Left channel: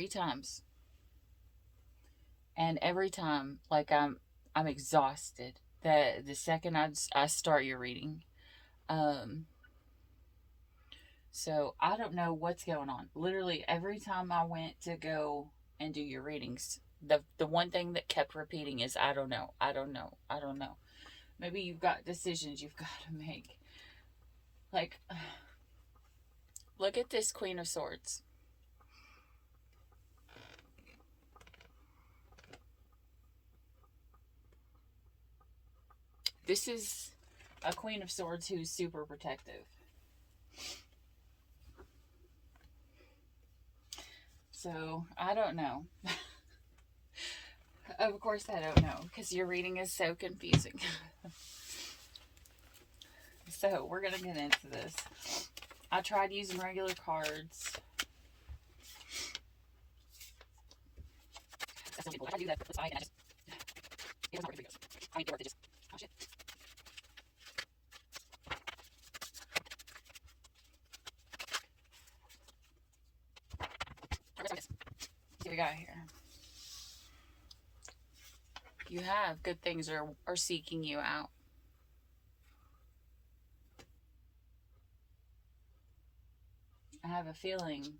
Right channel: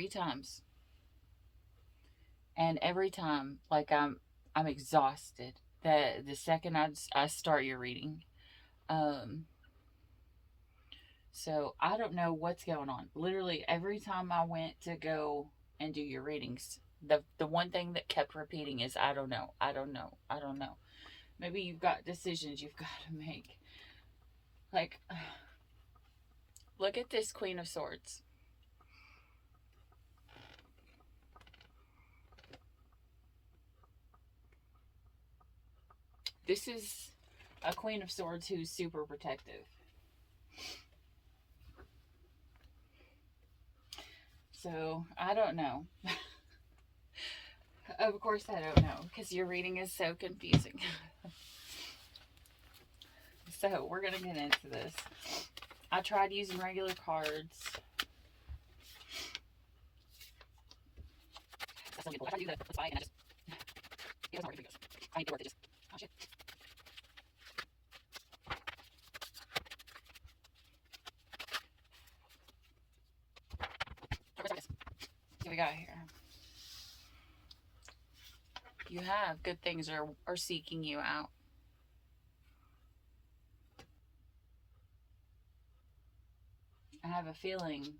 3 times. And every time, like, I'm exhausted the second I start your reading. So I don't know what's going on. Literally every time I went to go and do your readings, the one thing that kept repeating is I don't know, I don't know, I don't know. Maybe you've got decisions you've got to make. Like, look at this Queen of Swords. This is a Queen of Swords who's super protective. So, I don't know. Of course I don't know, because your reading is so confusing. So, we're going to get into this. I tried using regular cards. Some people, I do that, that's fine, and I just, it doesn't work for videos. I need to work to just, oh shit. What do we got here? You have good things are seeking you out. I have a feeling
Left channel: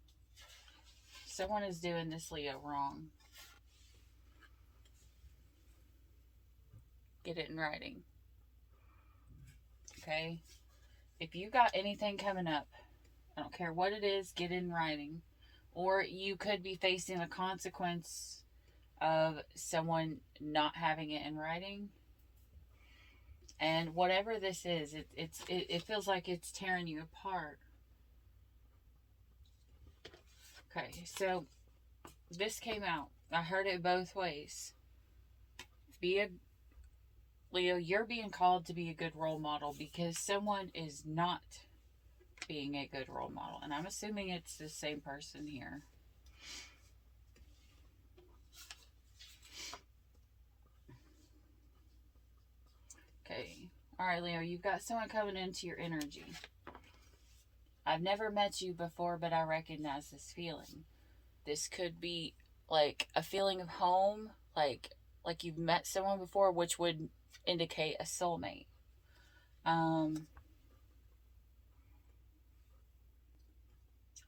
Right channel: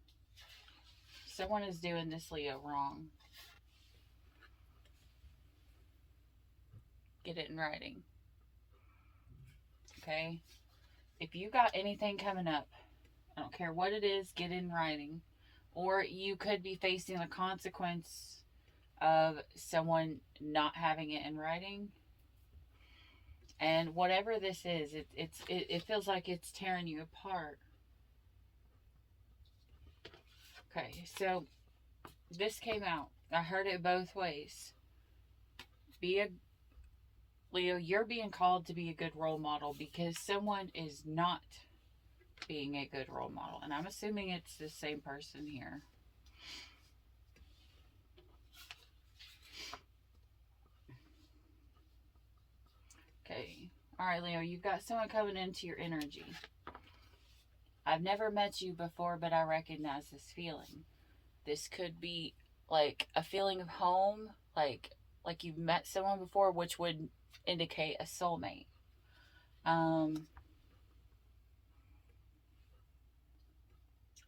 someone is doing this Leo wrong. Get it in writing. Okay? If you got anything coming up, I don't care what it is, get it in writing. Or you could be facing the consequence of someone not having it in writing. And whatever this is, it feels like it's tearing you apart. Okay, so this came out. I heard it both ways. Leo, you're being called to be a good role model because someone is not being a good role model. And I'm assuming it's the same person here. Okay. Alright, Leo, you've got someone coming into your energy. I've never met you before, but I recognize this feeling. This could be like a feeling of home, like you've met someone before, which would indicate a soulmate.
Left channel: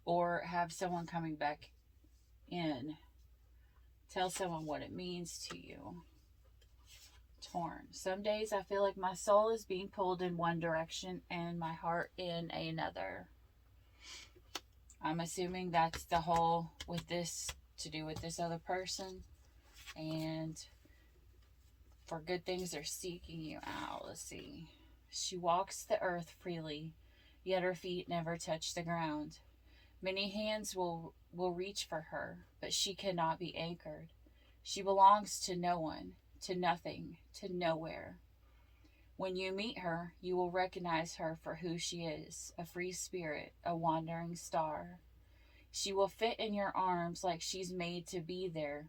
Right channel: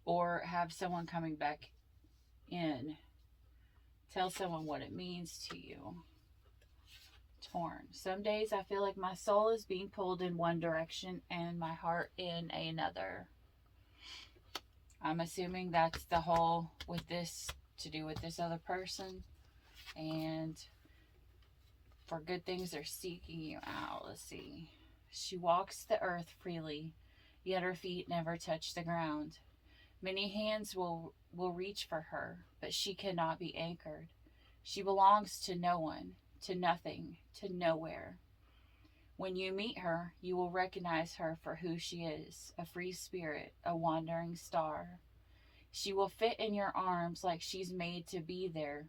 Or have someone coming back in. Tell someone what it means to you. Torn. Some days I feel like my soul is being pulled in one direction and my heart in another. I'm assuming that's the whole with this to do with this other person. And for good things, they're seeking you out. Let's see. She walks the earth freely, yet her feet never touch the ground. Many hands will reach for her, but she cannot be anchored. She belongs to no one, to nothing, to nowhere. When you meet her, you will recognize her for who she is, a free spirit, a wandering star. She will fit in your arms like she's made to be there,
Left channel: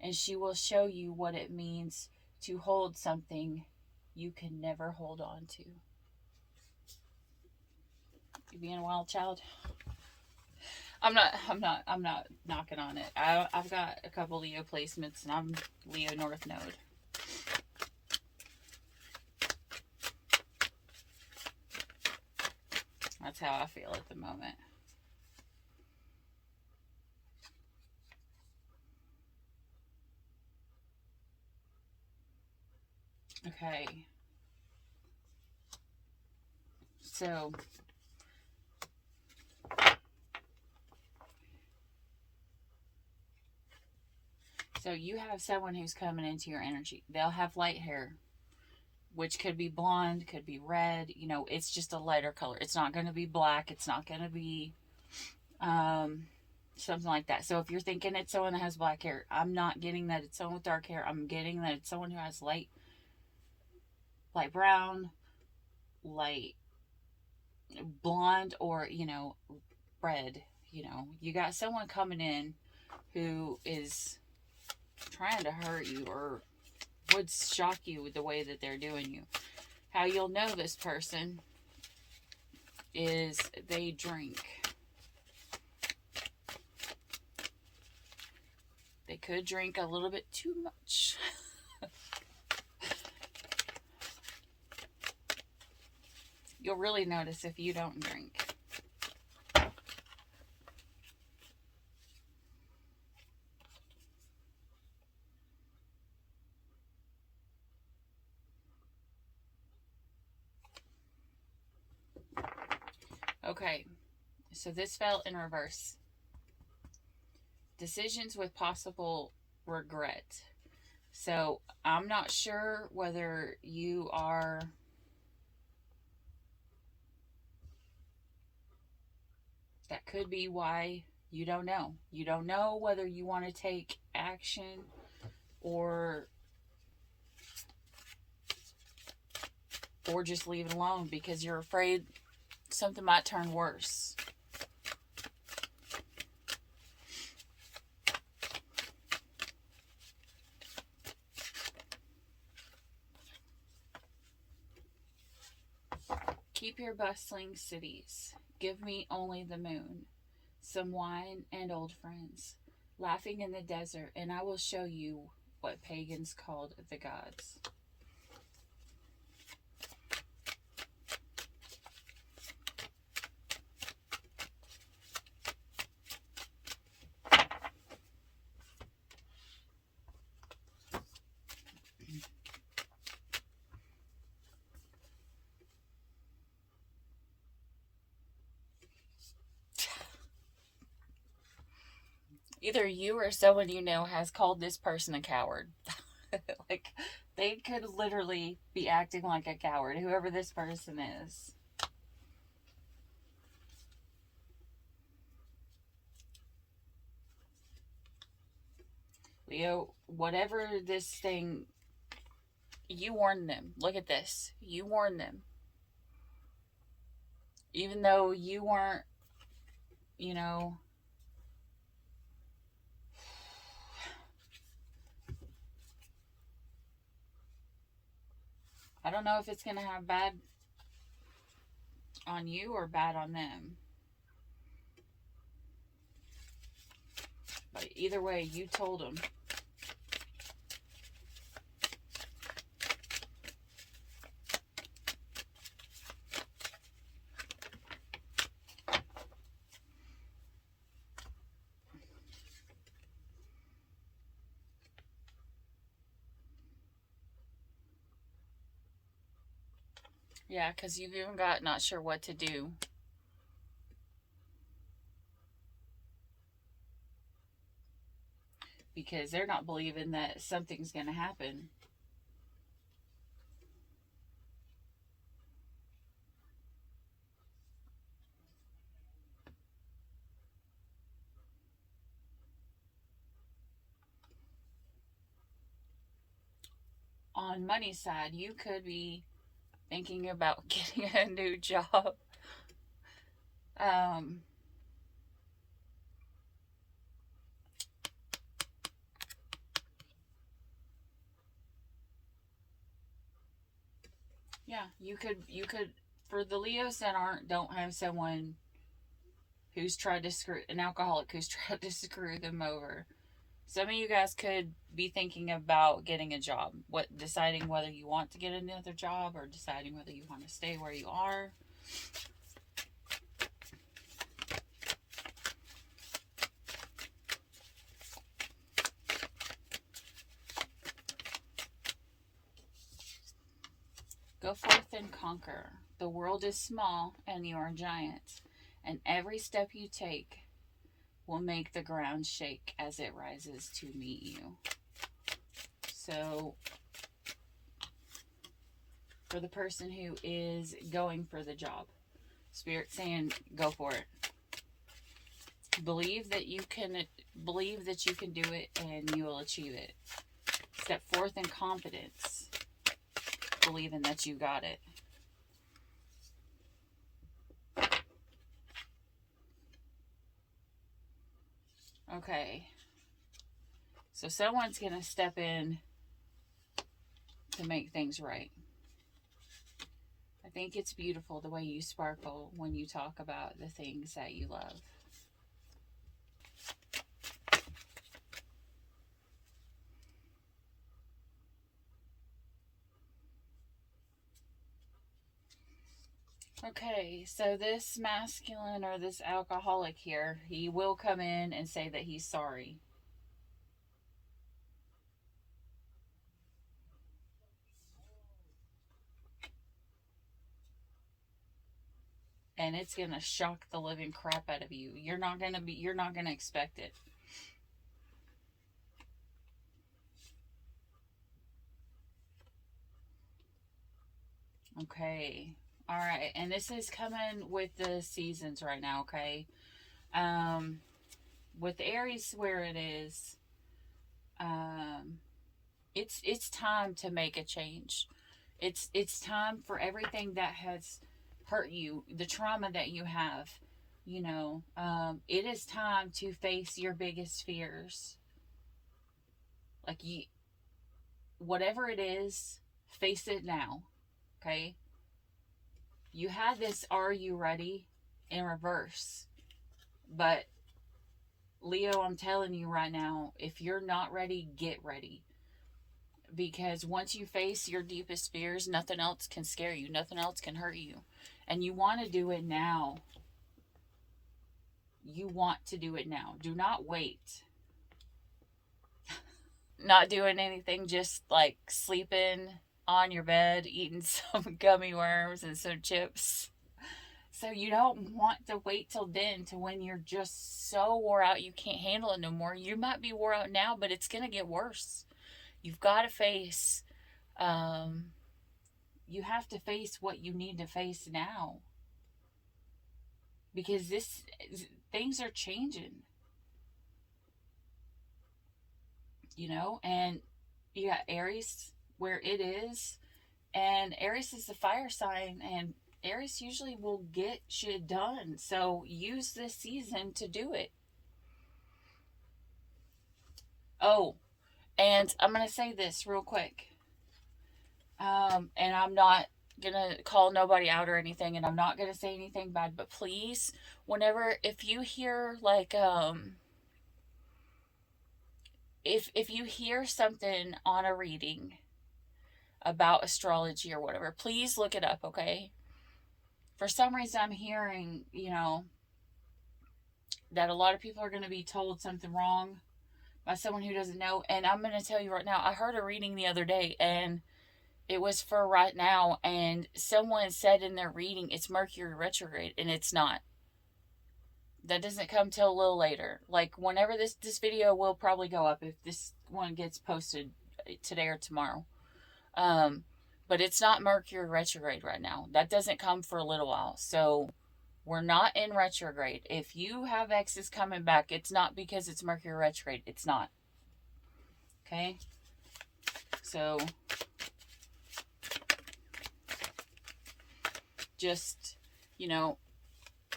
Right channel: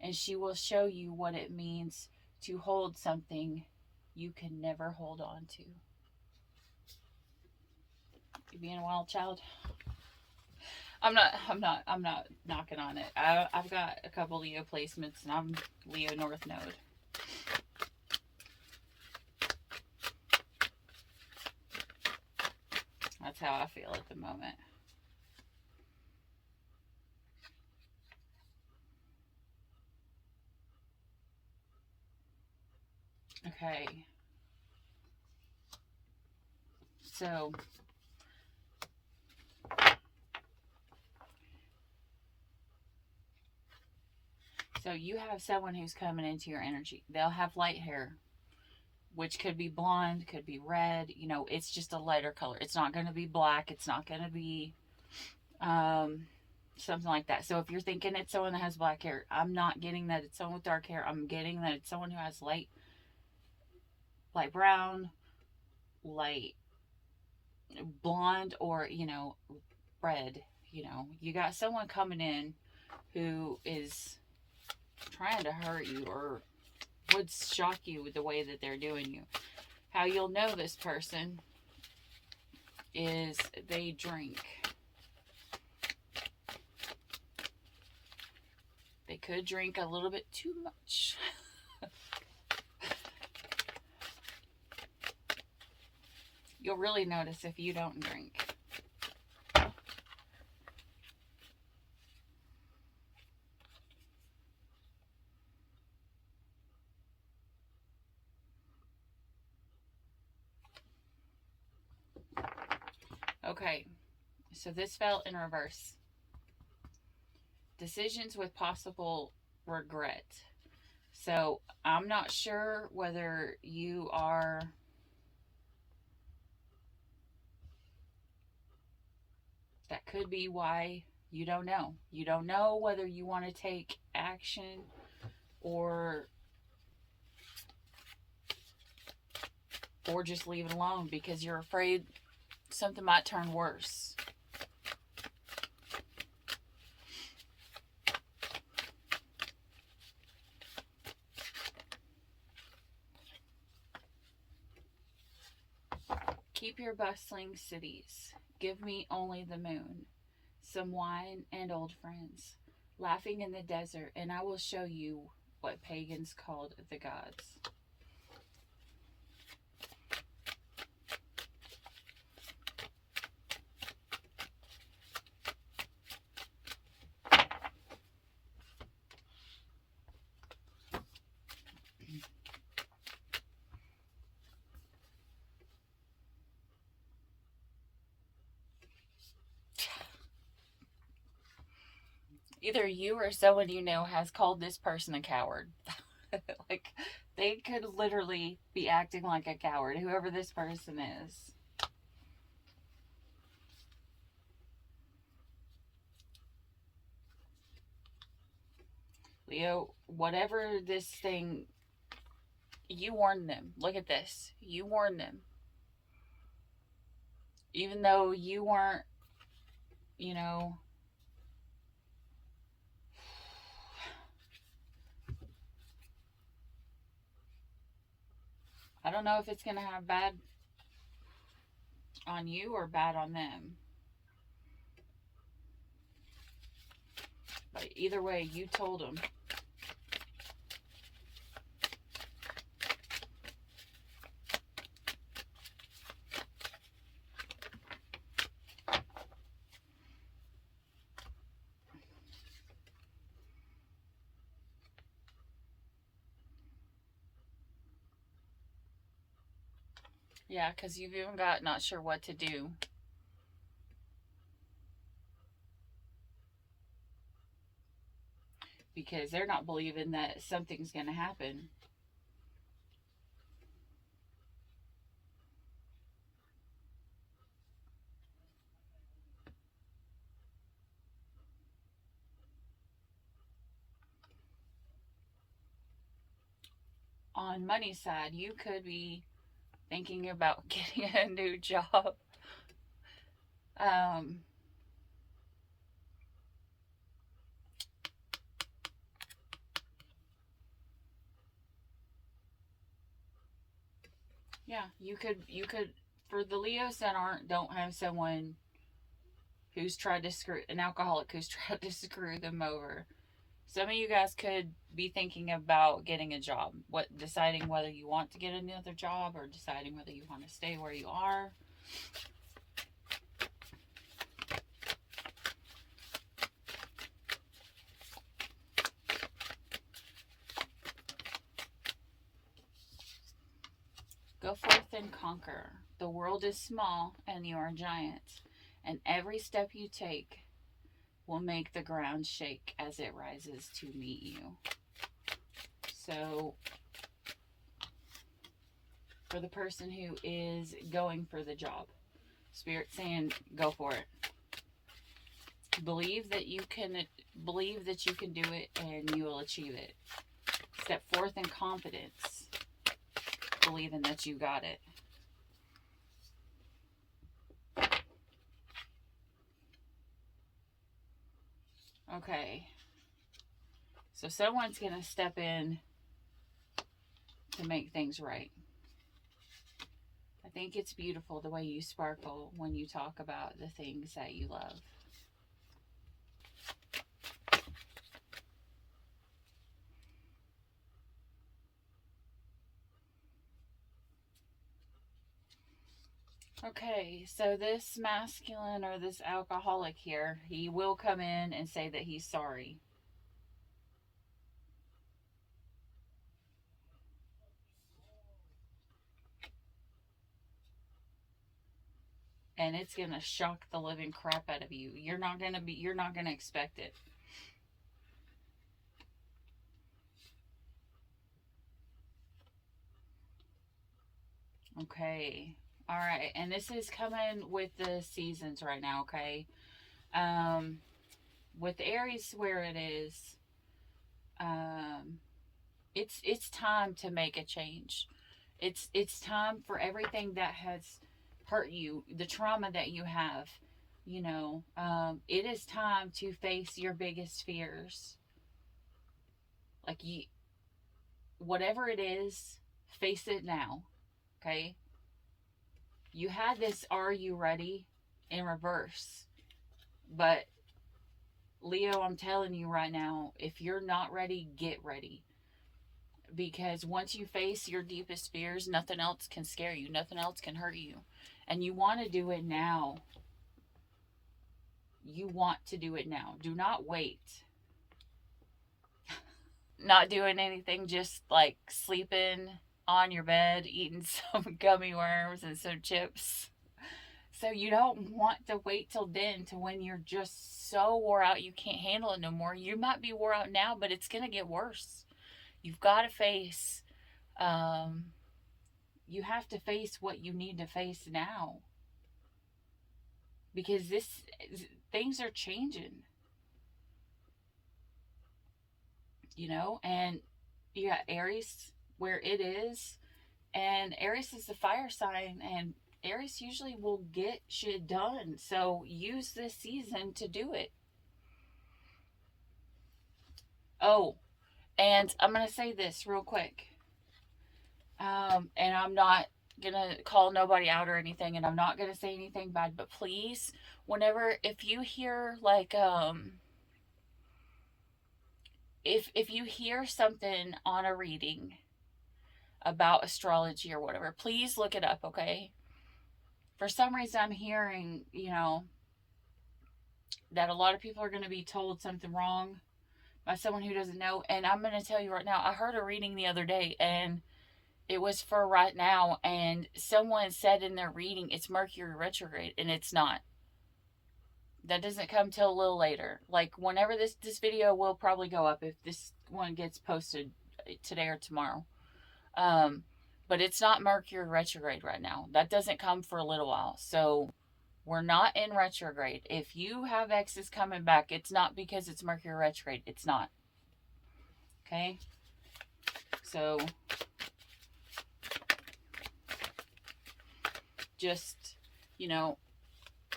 and she will show you what it means to hold something you can never hold on to. You being a wild child? I'm not knocking on it. I've got a couple Leo placements, and I'm Leo North Node. That's how I feel at the moment. Okay. So you have someone who's coming into your energy. They'll have light hair, which could be blonde, could be red. You know, it's just a lighter color. It's not going to be black. It's not going to be something like that. So if you're thinking it's someone that has black hair, I'm not getting that it's someone with dark hair. I'm getting that it's someone who has light brown, light blonde, or, you know, red. You know, you got someone coming in who is trying to hurt you or would shock you with the way that they're doing you. How you'll know this person is they drink. could drink a little bit too much. You'll really notice if you don't drink. Okay, so this fell in reverse. Decisions with possible regret. So I'm not sure whether you are that could be why you don't know. You don't know whether you want to take action or just leave it alone because you're afraid something might turn worse. Keep your bustling cities. Give me only the moon, some wine and old friends, laughing in the desert, and I will show you what pagans called the gods. Either you or someone you know has called this person a coward. Like, they could literally be acting like a coward, whoever this person is. Leo, whatever this thing, you warned them. Look at this. You warned them. Even though you weren't, you know, I don't know if it's going to have bad on you or bad on them. But either way, you told them. Yeah, because you've even got not sure what to do. Because they're not believing that something's going to happen. On money side, you could be thinking about getting a new job. Yeah, you could for the Leos that don't have someone who's tried to an alcoholic who's tried to screw them over. Some of you guys could be thinking about getting a job, deciding whether you want to get another job or deciding whether you want to stay where you are. Go forth and conquer. The world is small and you are a giant, and every step you take will make the ground shake as it rises to meet you. So, for the person who is going for the job, Spirit's saying, go for it. Believe that you can do it and you will achieve it. Step forth in confidence, believing that you got it. Okay. So someone's going to step in to make things right. I think it's beautiful the way you sparkle when you talk about the things that you love. Okay, so this masculine or this alcoholic here, he will come in and say that he's sorry. And it's going to shock the living crap out of you. You're not going to expect it. Okay. All right. And this is coming with the seasons right now, okay? With Aries where it is, it's time to make a change. It's time for everything that has hurt you, the trauma that you have, it is time to face your biggest fears. Like whatever it is, face it now. Okay? You had this "Are you ready?" in reverse. But Leo, I'm telling you right now, if you're not ready, get ready. Because once you face your deepest fears, nothing else can scare you, nothing else can hurt you. And you want to do it now. You want to do it now. Do not wait. Not doing anything, just like sleeping on your bed, eating some gummy worms and some chips. So you don't want to wait till then, to when you're just so wore out you can't handle it no more. You might be wore out now, but it's going to get worse. You've got to face, you have to face what you need to face now. Because things are changing. And you got Aries where it is. And Aries is the fire sign, and Aries usually will get shit done. So use this season to do it. Oh, and I'm going to say this real quick. And I'm not going to call nobody out or anything, and I'm not going to say anything bad, but please, if you hear like, if you hear something on a reading about astrology or whatever, please look it up, okay? For some reason, I'm hearing, that a lot of people are going to be told something wrong by someone who doesn't know. And I'm going to tell you right now, I heard a reading the other day, and it was for right now, and someone said in their reading it's Mercury retrograde, and it's not. That doesn't come till a little later. Like, whenever this video will probably go up, if this one gets posted today or tomorrow. But it's not Mercury retrograde right now. That doesn't come for a little while. So we're not in retrograde. If you have exes coming back, it's not because it's Mercury retrograde. It's not. Okay? So just,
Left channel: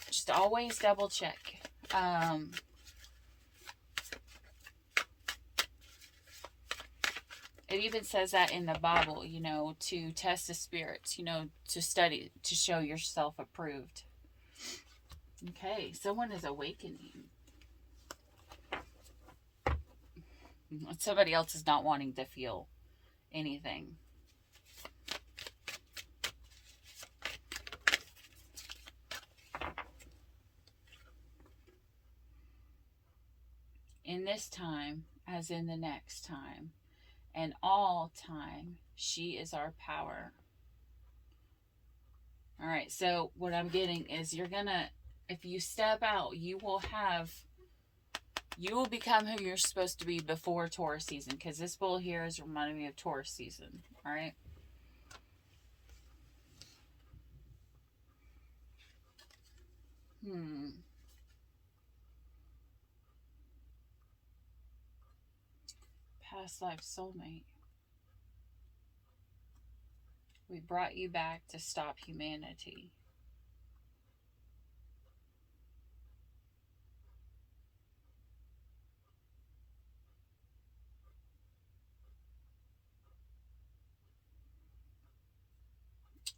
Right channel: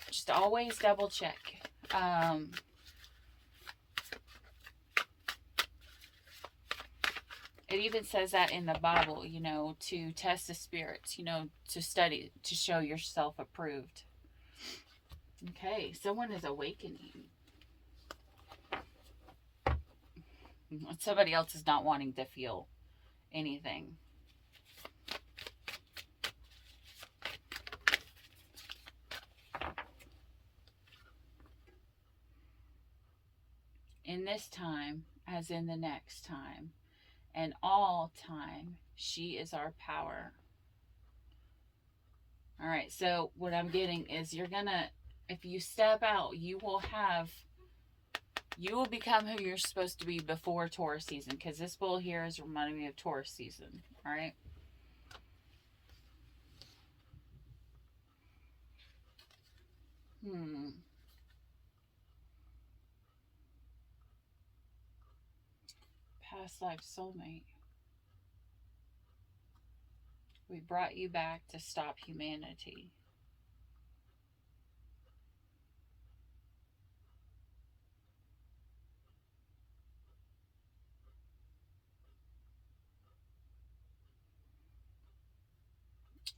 just always double check. It even says that in the Bible, to test the spirits, to study, to show yourself approved. Okay, someone is awakening. Somebody else is not wanting to feel anything. In this time, as in the next time, and all time, she is our power. All right, so what I'm getting is if you step out, you will become who you're supposed to be before Taurus season, because this bull here is reminding me of Taurus season. All right. Past life soulmate. We brought you back to stop humanity.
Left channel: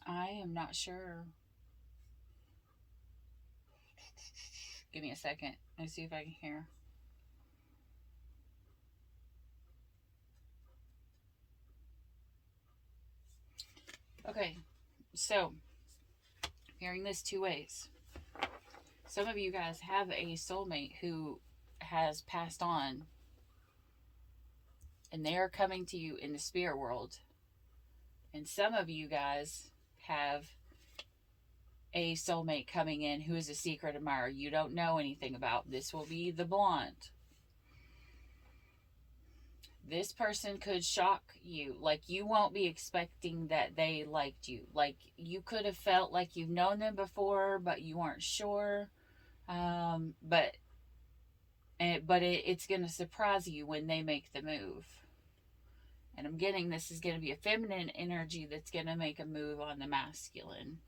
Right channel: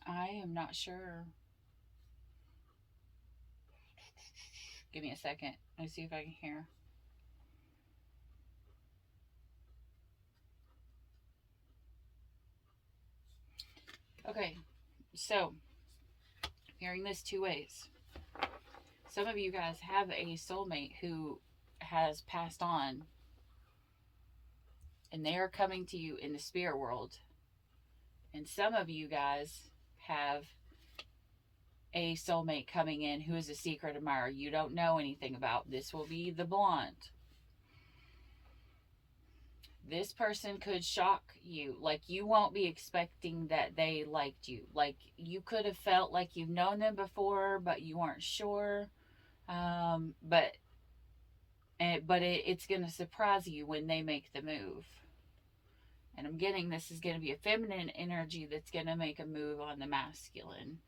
I am not sure. Give me a second. Let me see if I can hear. Okay, so hearing this two ways. Some of you guys have a soulmate who has passed on, and they are coming to you in the spirit world. And some of you guys have a soulmate coming in who is a secret admirer you don't know anything about. This will be the blonde. This person could shock you. Like, you won't be expecting that they liked you. Like, you could have felt like you've known them before, but you weren't sure. But it's going to surprise you when they make the move. And I'm getting this is going to be a feminine energy that's going to make a move on the masculine.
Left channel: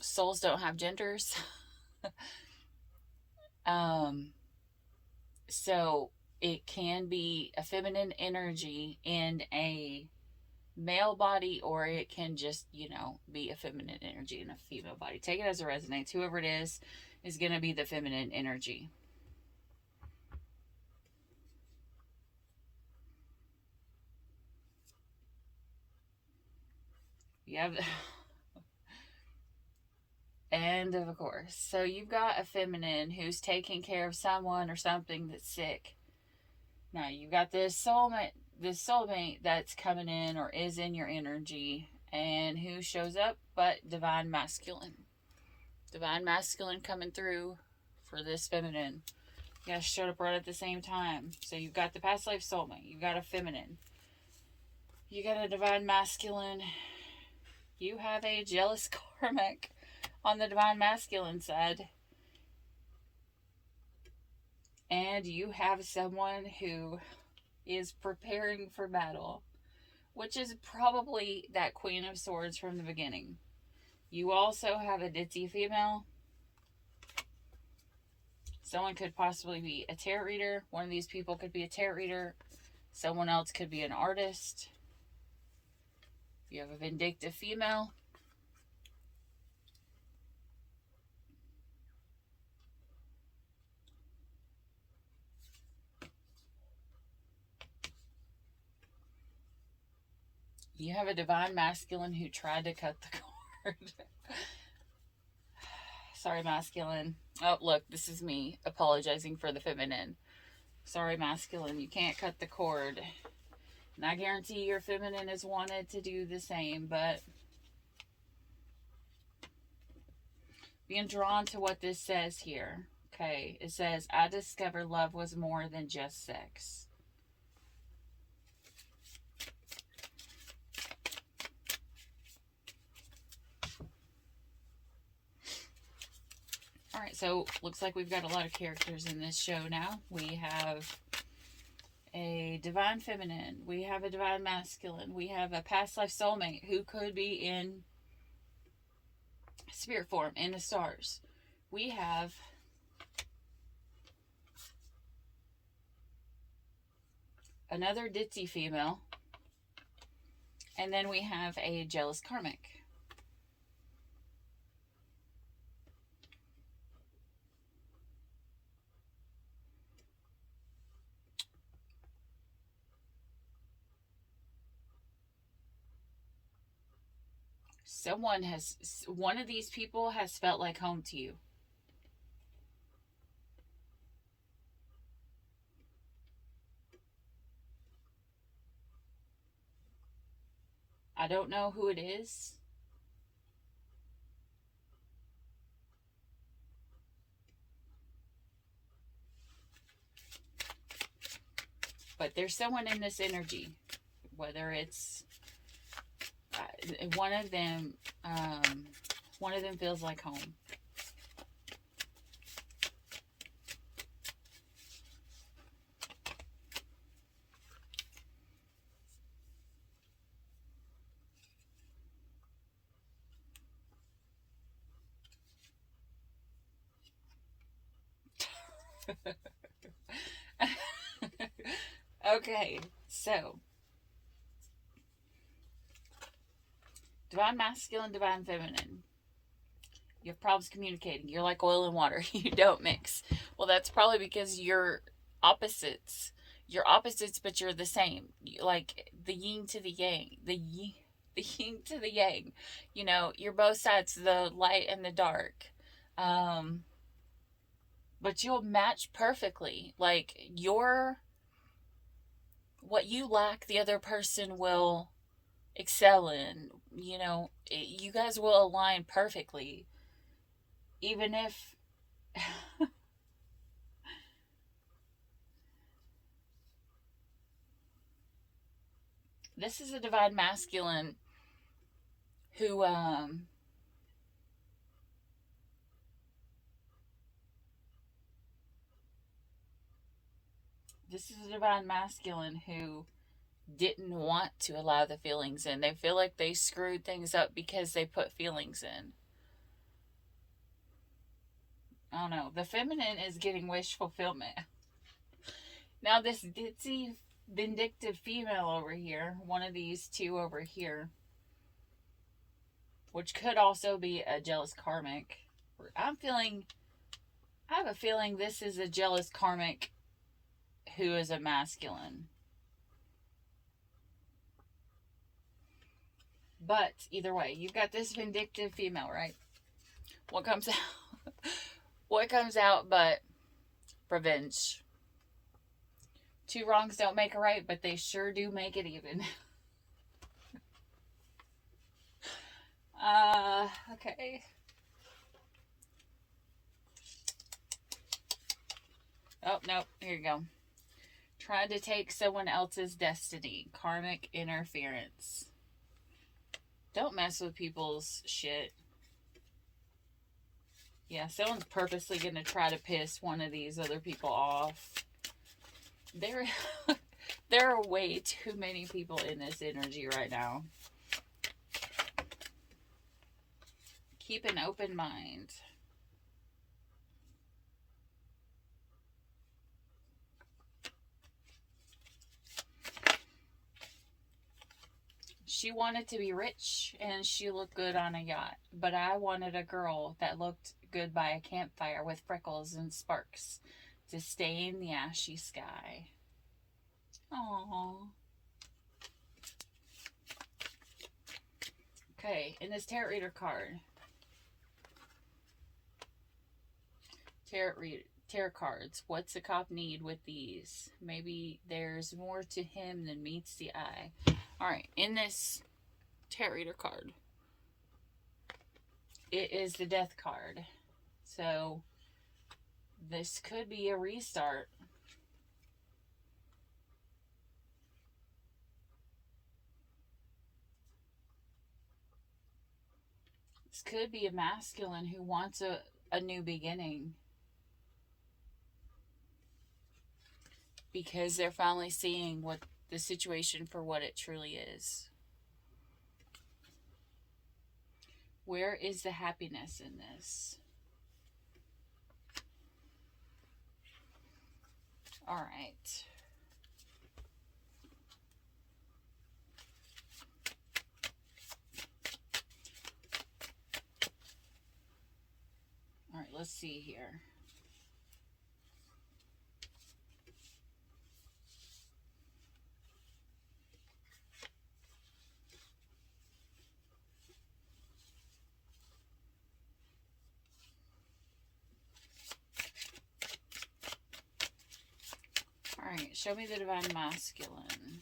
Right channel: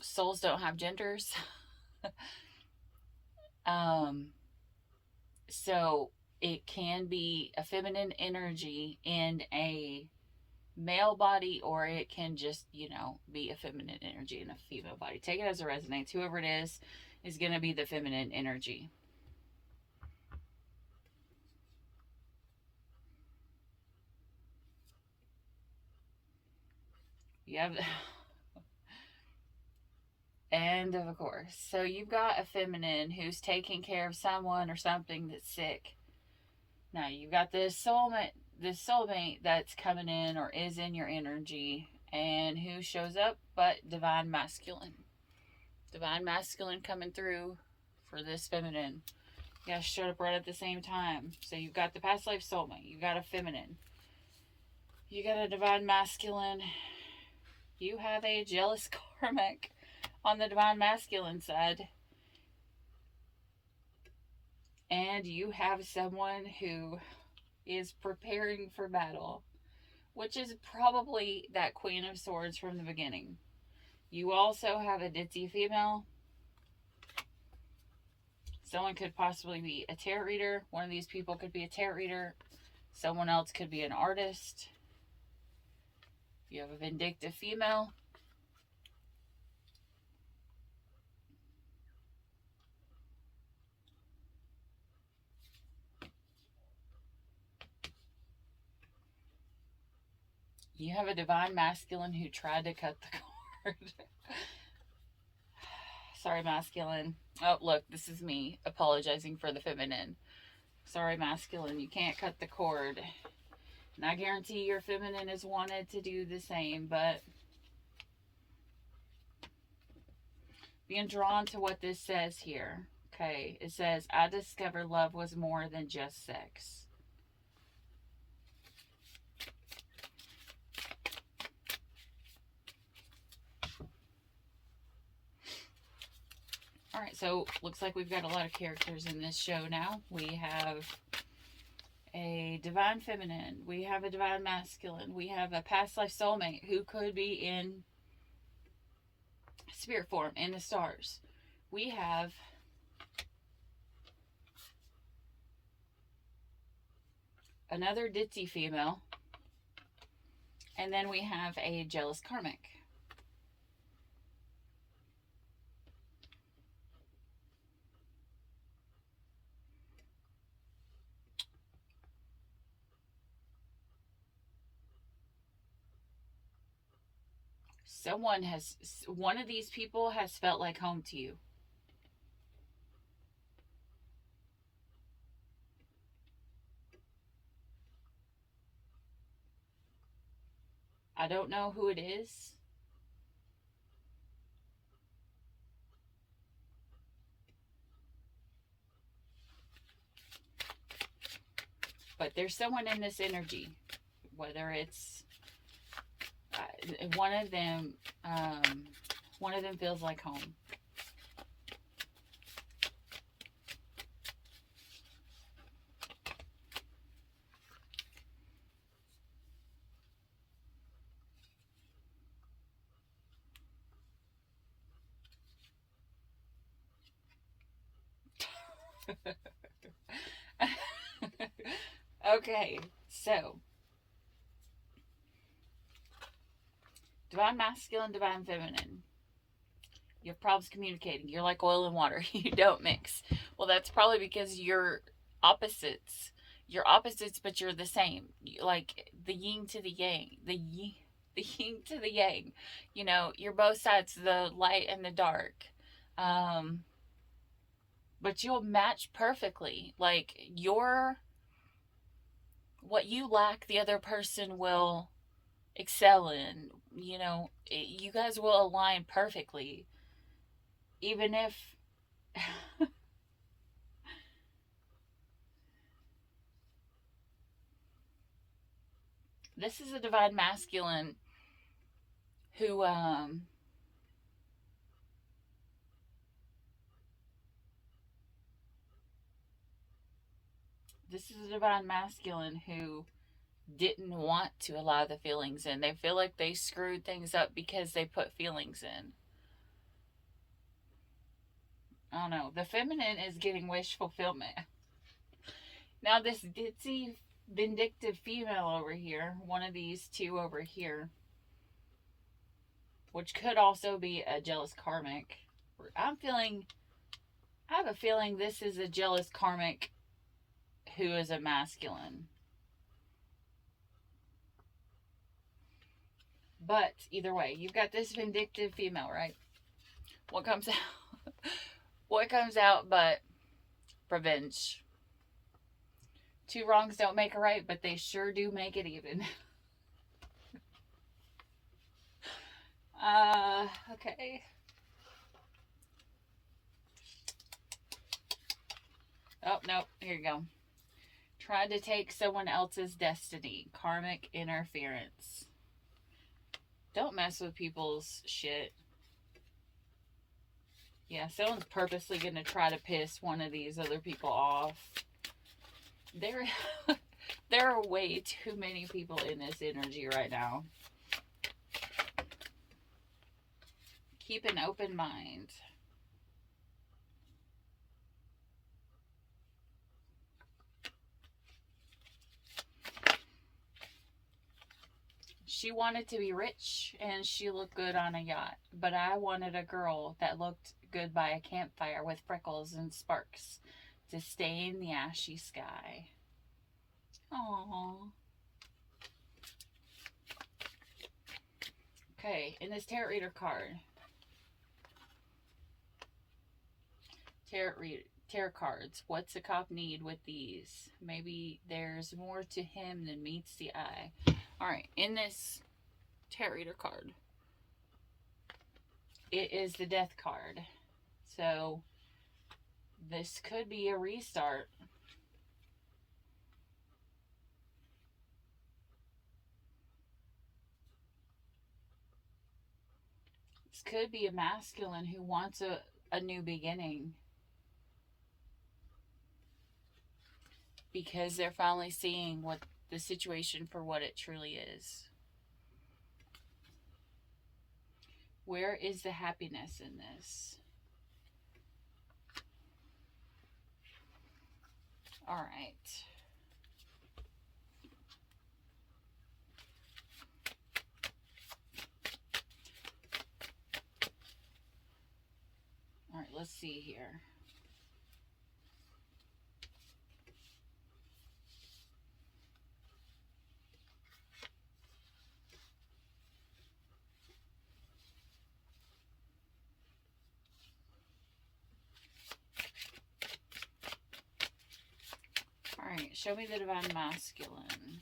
Souls don't have genders. So it can be a feminine energy in a male body, or it can just, be a feminine energy in a female body. Take it as it resonates. Whoever it is going to be the feminine energy. You have... And of course, so you've got a feminine who's taking care of someone or something that's sick. Now you've got this soulmate that's coming in or is in your energy, and who shows up but divine masculine. Divine masculine coming through for this feminine. You guys showed up right at the same time. So you've got the past life soulmate, you've got a feminine, you got a divine masculine, you have a jealous karmic on the divine masculine side. And you have someone who is preparing for battle, which is probably that Queen of Swords from the beginning. You also have a ditzy female. Someone could possibly be a tarot reader. One of these people could be a tarot reader. Someone else could be an artist. You have a vindictive female. You have a divine masculine who tried to cut the cord. Sorry, masculine. Oh, look, this is me apologizing for the feminine. Sorry, masculine, you can't cut the cord. And I guarantee your feminine has wanted to do the same, but being drawn to what this says here. Okay, it says, I discovered love was more than just sex. Alright, so looks like we've got a lot of characters in this show now. We have a divine feminine. We have a divine masculine. We have a past life soulmate who could be in spirit form, in the stars. We have another ditzy female. And then we have a jealous karmic. One of these people has felt like home to you. I don't know who it is. But there's someone in this energy, whether it's one of them feels like home. Okay, so divine masculine, divine feminine. You have problems communicating. You're like oil and water. You don't mix. Well, that's probably because you're opposites. You're opposites, but you're the same. Like, the yin to the yang, the yin to the yang. You know, you're both sides, the light and the dark. But you'll match perfectly. Like, what you lack, the other person will excel in. You know, you guys will align perfectly. Even if this is a divine masculine who this is a divine masculine who didn't want to allow the feelings in. They feel like they screwed things up because they put feelings in. I don't know. The feminine is getting wish fulfillment. Now this ditzy, vindictive female over here, one of these two over here, which could also be a jealous karmic. I have a feeling this is a jealous karmic who is a masculine. But either way, you've got this vindictive female, right? What comes out? What comes out but revenge? Two wrongs don't make a right, but they sure do make it even. Okay. Oh, no. Here you go. Tried to take someone else's destiny. Karmic interference. Don't mess with people's shit. Yeah, someone's purposely going to try to piss one of these other people off. There are way too many people in this energy right now. Keep an open mind. She wanted to be rich and she looked good on a yacht, but I wanted a girl that looked good by a campfire with freckles and sparks to stay in the ashy sky. Aww. Okay, in this tarot reader card. Tarot cards. What's a cop need with these? Maybe there's more to him than meets the eye. Alright, in this tarot reader card, it is the death card. So, this could be a restart. This could be a masculine who wants a new beginning. Because they're finally seeing what the situation for what it truly is. Where is the happiness in this? All right. All right, let's see here. Alright, show me the divine masculine.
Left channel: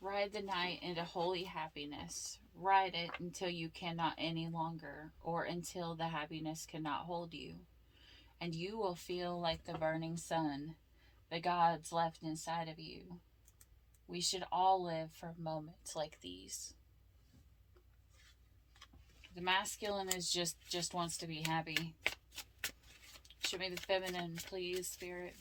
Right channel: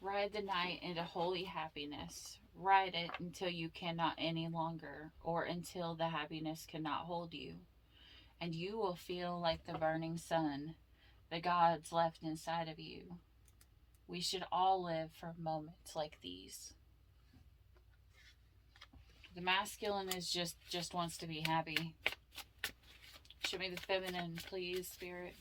Ride the night into holy happiness. Ride it until you cannot any longer, or until the happiness cannot hold you. And you will feel like the burning sun, the gods left inside of you. We should all live for moments like these. The masculine is just wants to be happy. Show me the feminine, please, Spirit.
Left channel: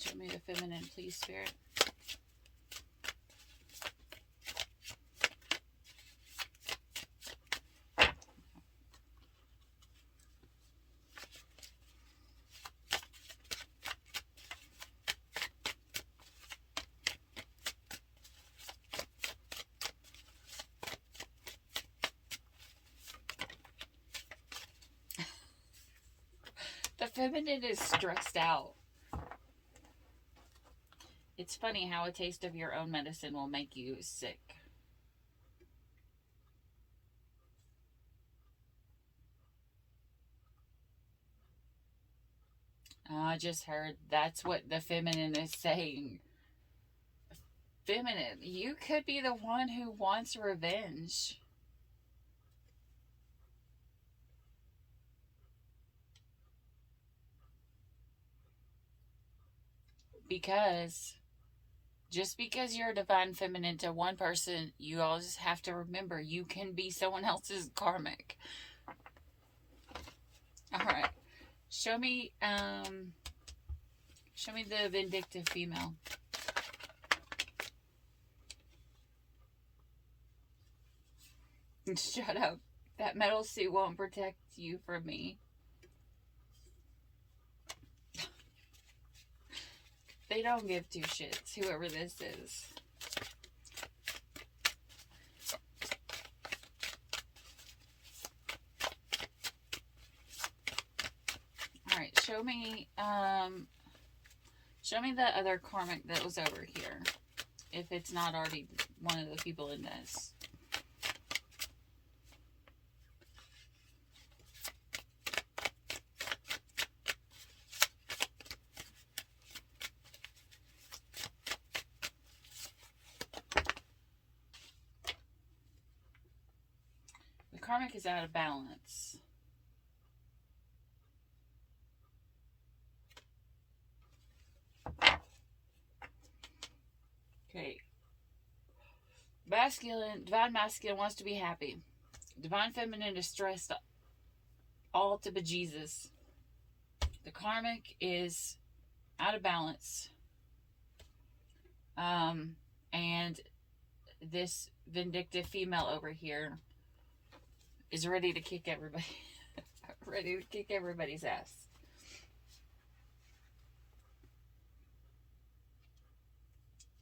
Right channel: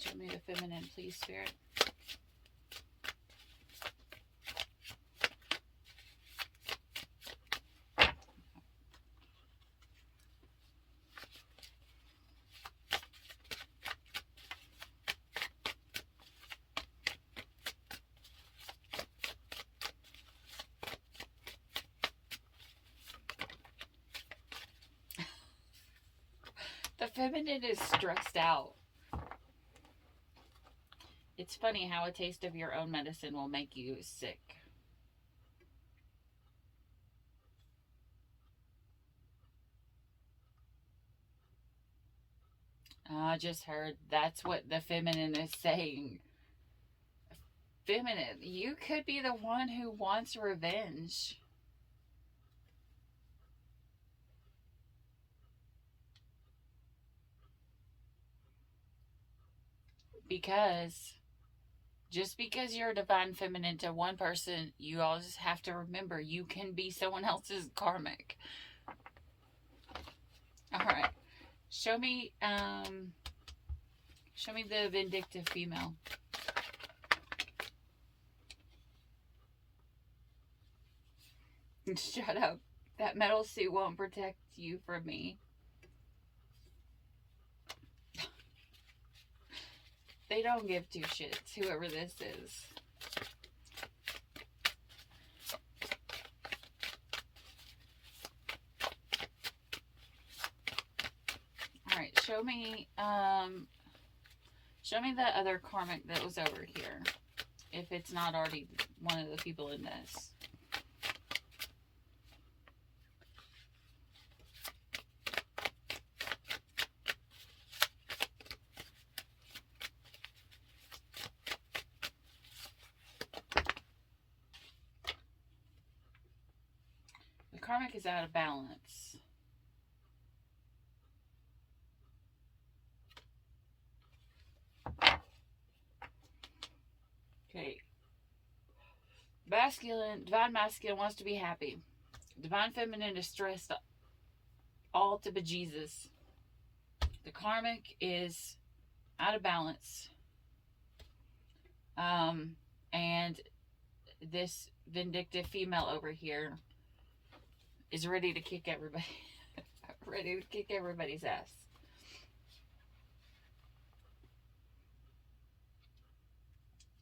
Show me the feminine, please, Spirit. The feminine is stressed out. It's funny how a taste of your own medicine will make you sick. I just heard that's what the feminine is saying. Feminine, you could be the one who wants revenge. Because just because you're a divine feminine to one person, you always have to remember you can be someone else's karmic. All right. Show me the vindictive female. Shut up. That metal suit won't protect you from me. They don't give two shits, whoever this is. Alright, show me the other karmic that was over here. If it's not already one of the people in this. Karmic is out of balance. Okay. Divine masculine wants to be happy. Divine feminine is stressed all to bejesus. The karmic is out of balance. And this vindictive female over here is ready to kick everybody. Ready to kick everybody's ass.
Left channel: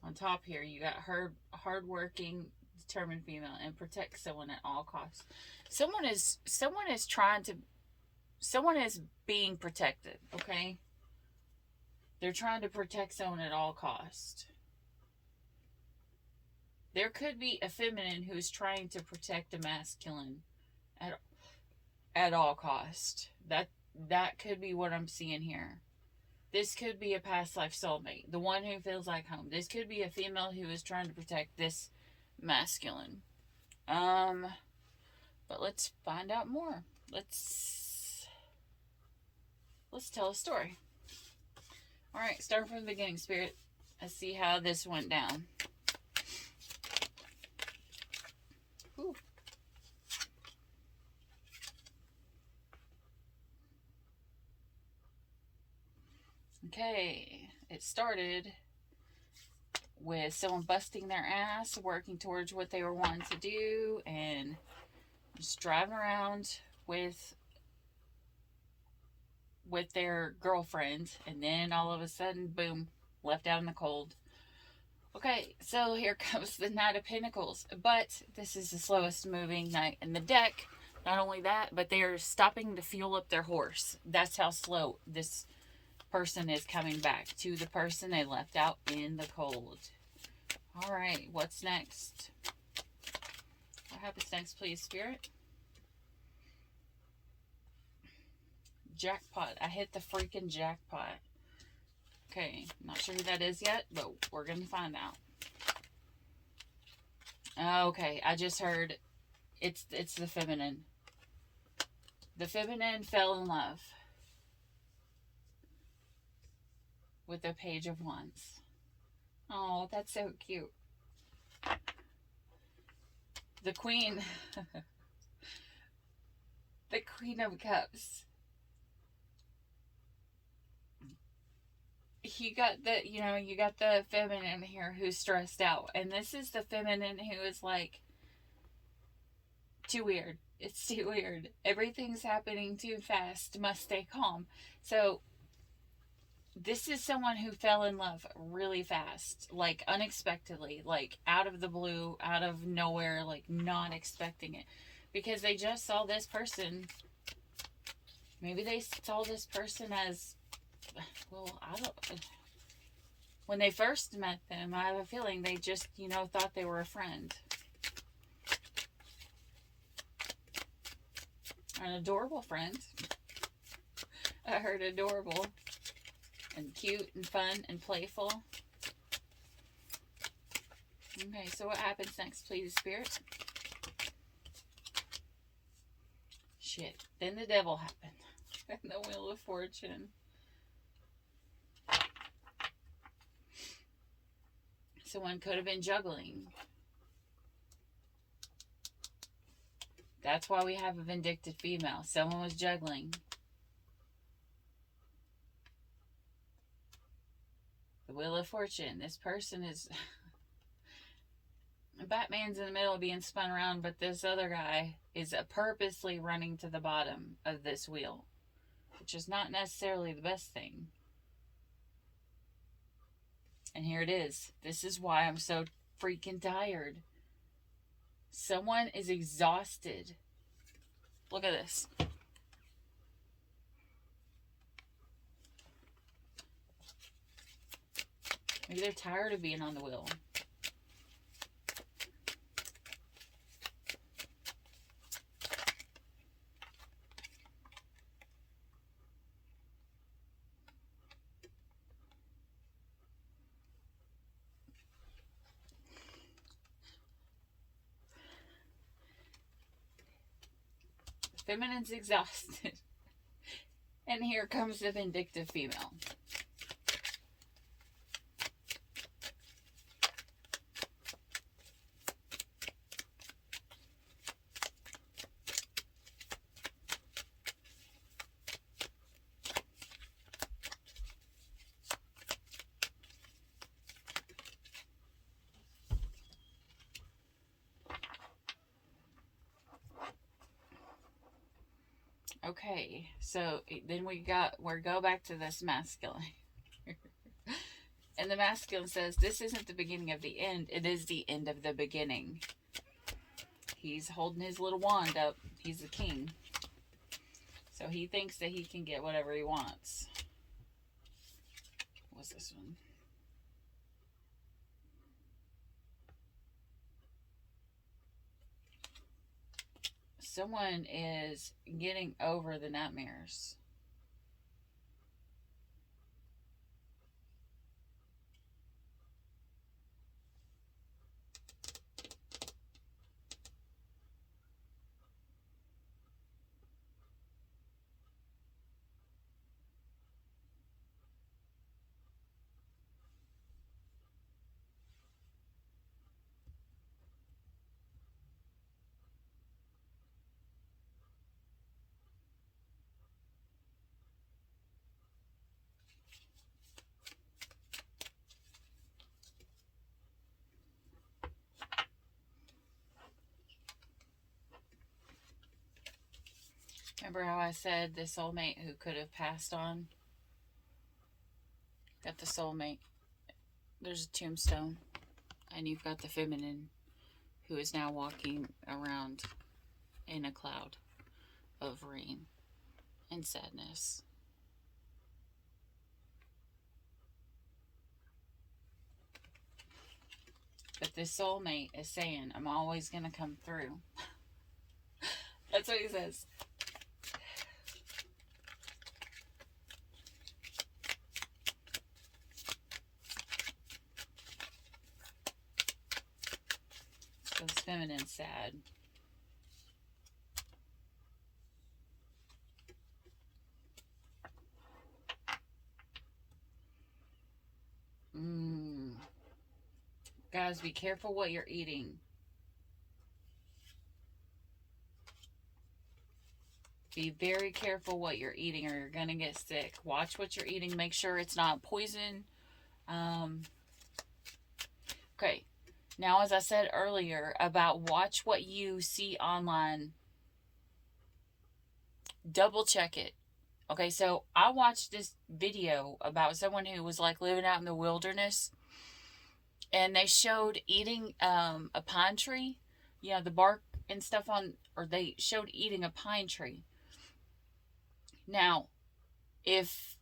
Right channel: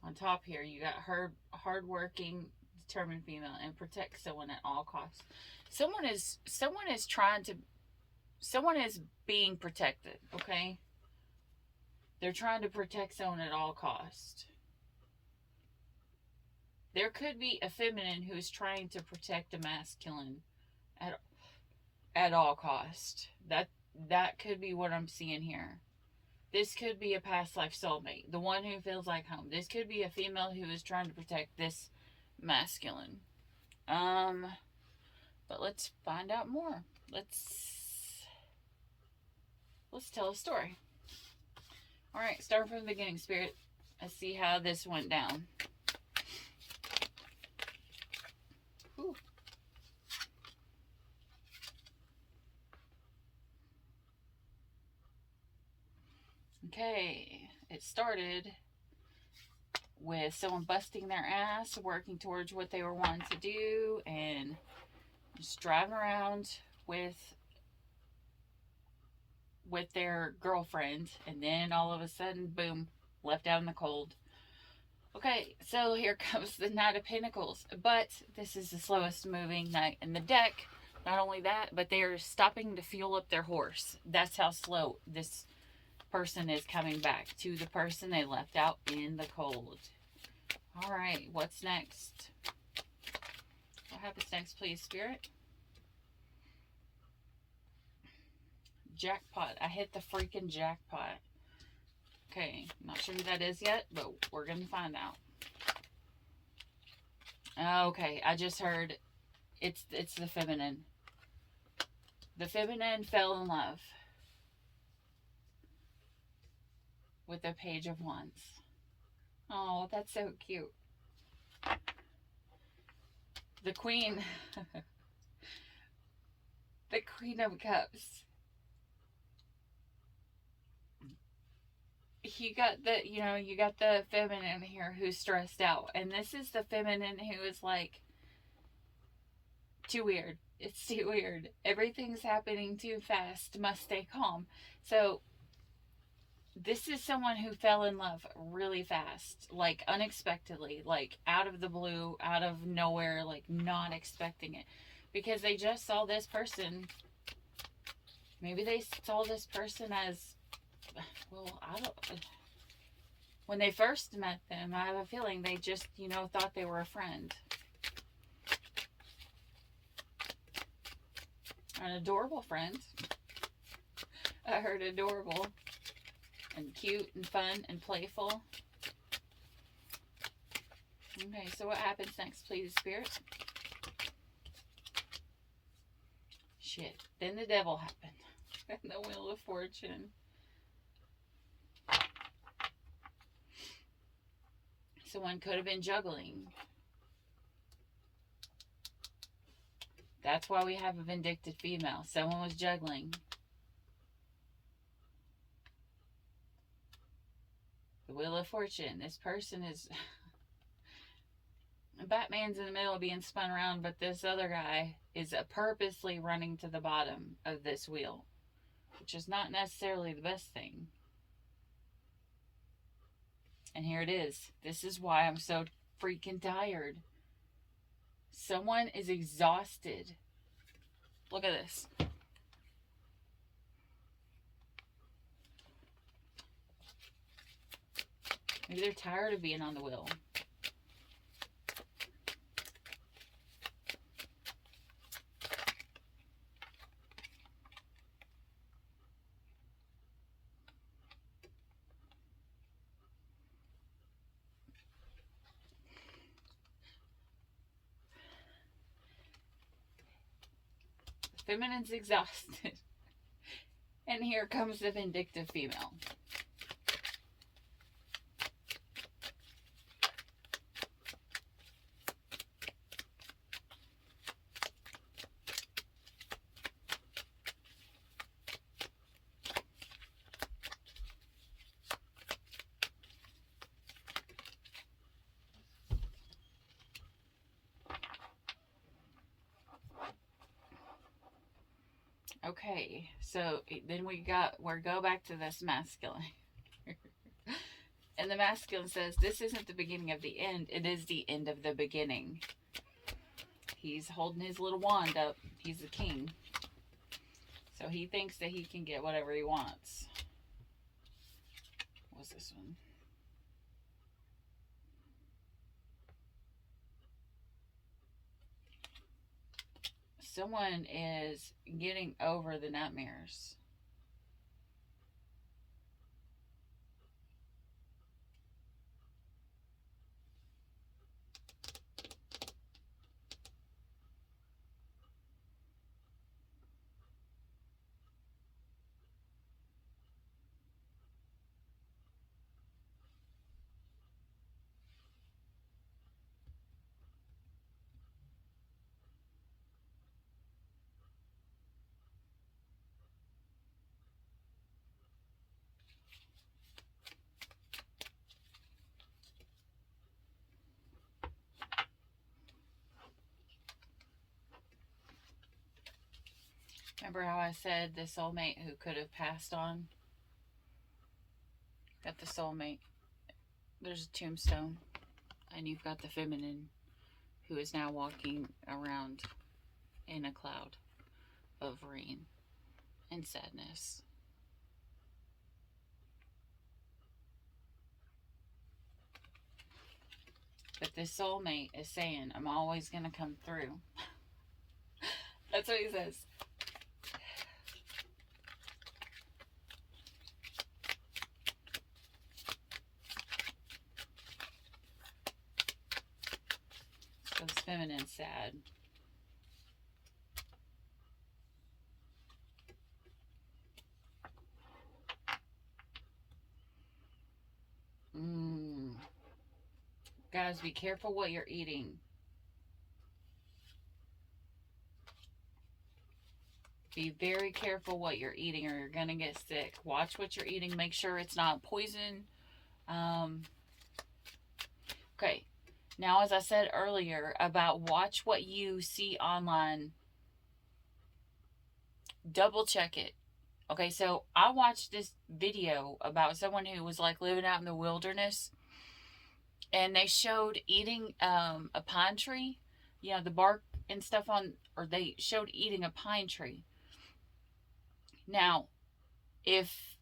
On top here, you got her hardworking, determined female, and protect someone at all costs. Someone is being protected, okay? They're trying to protect someone at all costs. There could be a feminine who is trying to protect a masculine at all cost. That could be what I'm seeing here. This could be a past life soulmate, the one who feels like home. This could be a female who is trying to protect this masculine. But let's find out more. Let's tell a story. All right, start from the beginning, Spirit. Let's see how this went down. Whew. Okay, it started with someone busting their ass, working towards what they were wanting to do, and just driving around with their girlfriend, and then all of a sudden, boom, left out in the cold. Okay, so here comes the Knight of Pentacles, but this is the slowest moving knight in the deck. Not only that, but they are stopping to fuel up their horse. That's how slow this person is coming back to the person they left out in the cold. All right, what's next? What happens next, please, Spirit? Jackpot. I hit the freaking jackpot. Okay, not sure who that is yet, but we're going to find out. Okay, I just heard it's the feminine. The feminine fell in love with the Page of Wands. Oh, that's so cute. The Queen. The Queen of Cups. You got the feminine here who's stressed out. And this is the feminine who is like, too weird. It's too weird. Everything's happening too fast. Must stay calm. So, this is someone who fell in love really fast. Like, unexpectedly. Like, out of the blue, out of nowhere. Like, not expecting it. Because they just saw this person Maybe they saw this person as, well, I don't, when they first met them, I have a feeling they just, thought they were a friend. An adorable friend. I heard adorable and cute and fun and playful. Okay, so what happens next, please, Spirit? Shit. Then the devil happened. And the Wheel of Fortune. Someone could have been juggling. That's why we have a vindictive female. Someone was juggling. The Wheel of Fortune. This person is... Batman's in the middle of being spun around, but this other guy is purposely running to the bottom of this wheel, which is not necessarily the best thing. And here it is. This is why I'm so freaking tired. Someone is exhausted. Look at this. Maybe they're tired of being on the wheel. Feminine's exhausted. And here comes the vindictive female. Okay, so then we go back to this masculine. And the masculine says, this isn't the beginning of the end. It is the end of the beginning. He's holding his little wand up. He's the king. So he thinks that he can get whatever he wants. What's this one? Someone is getting over the nightmares. Remember how I said the soulmate who could have passed on? Got the soulmate. There's a tombstone. And you've got the feminine who is now walking around in a cloud of rain and sadness. But this soulmate is saying, I'm always going to come through. That's what he says. So this feminine's sad. Guys, be careful what you're eating. Be very careful what you're eating or you're going to get sick. Watch what you're eating. Make sure it's not poison. Okay. Now, as I said earlier about watch what you see online. Double check it. Okay, so I watched this video about someone who was like living out in the wilderness. And they showed eating a pine tree. You know, the bark and stuff on, or they showed eating a pine tree. Now, if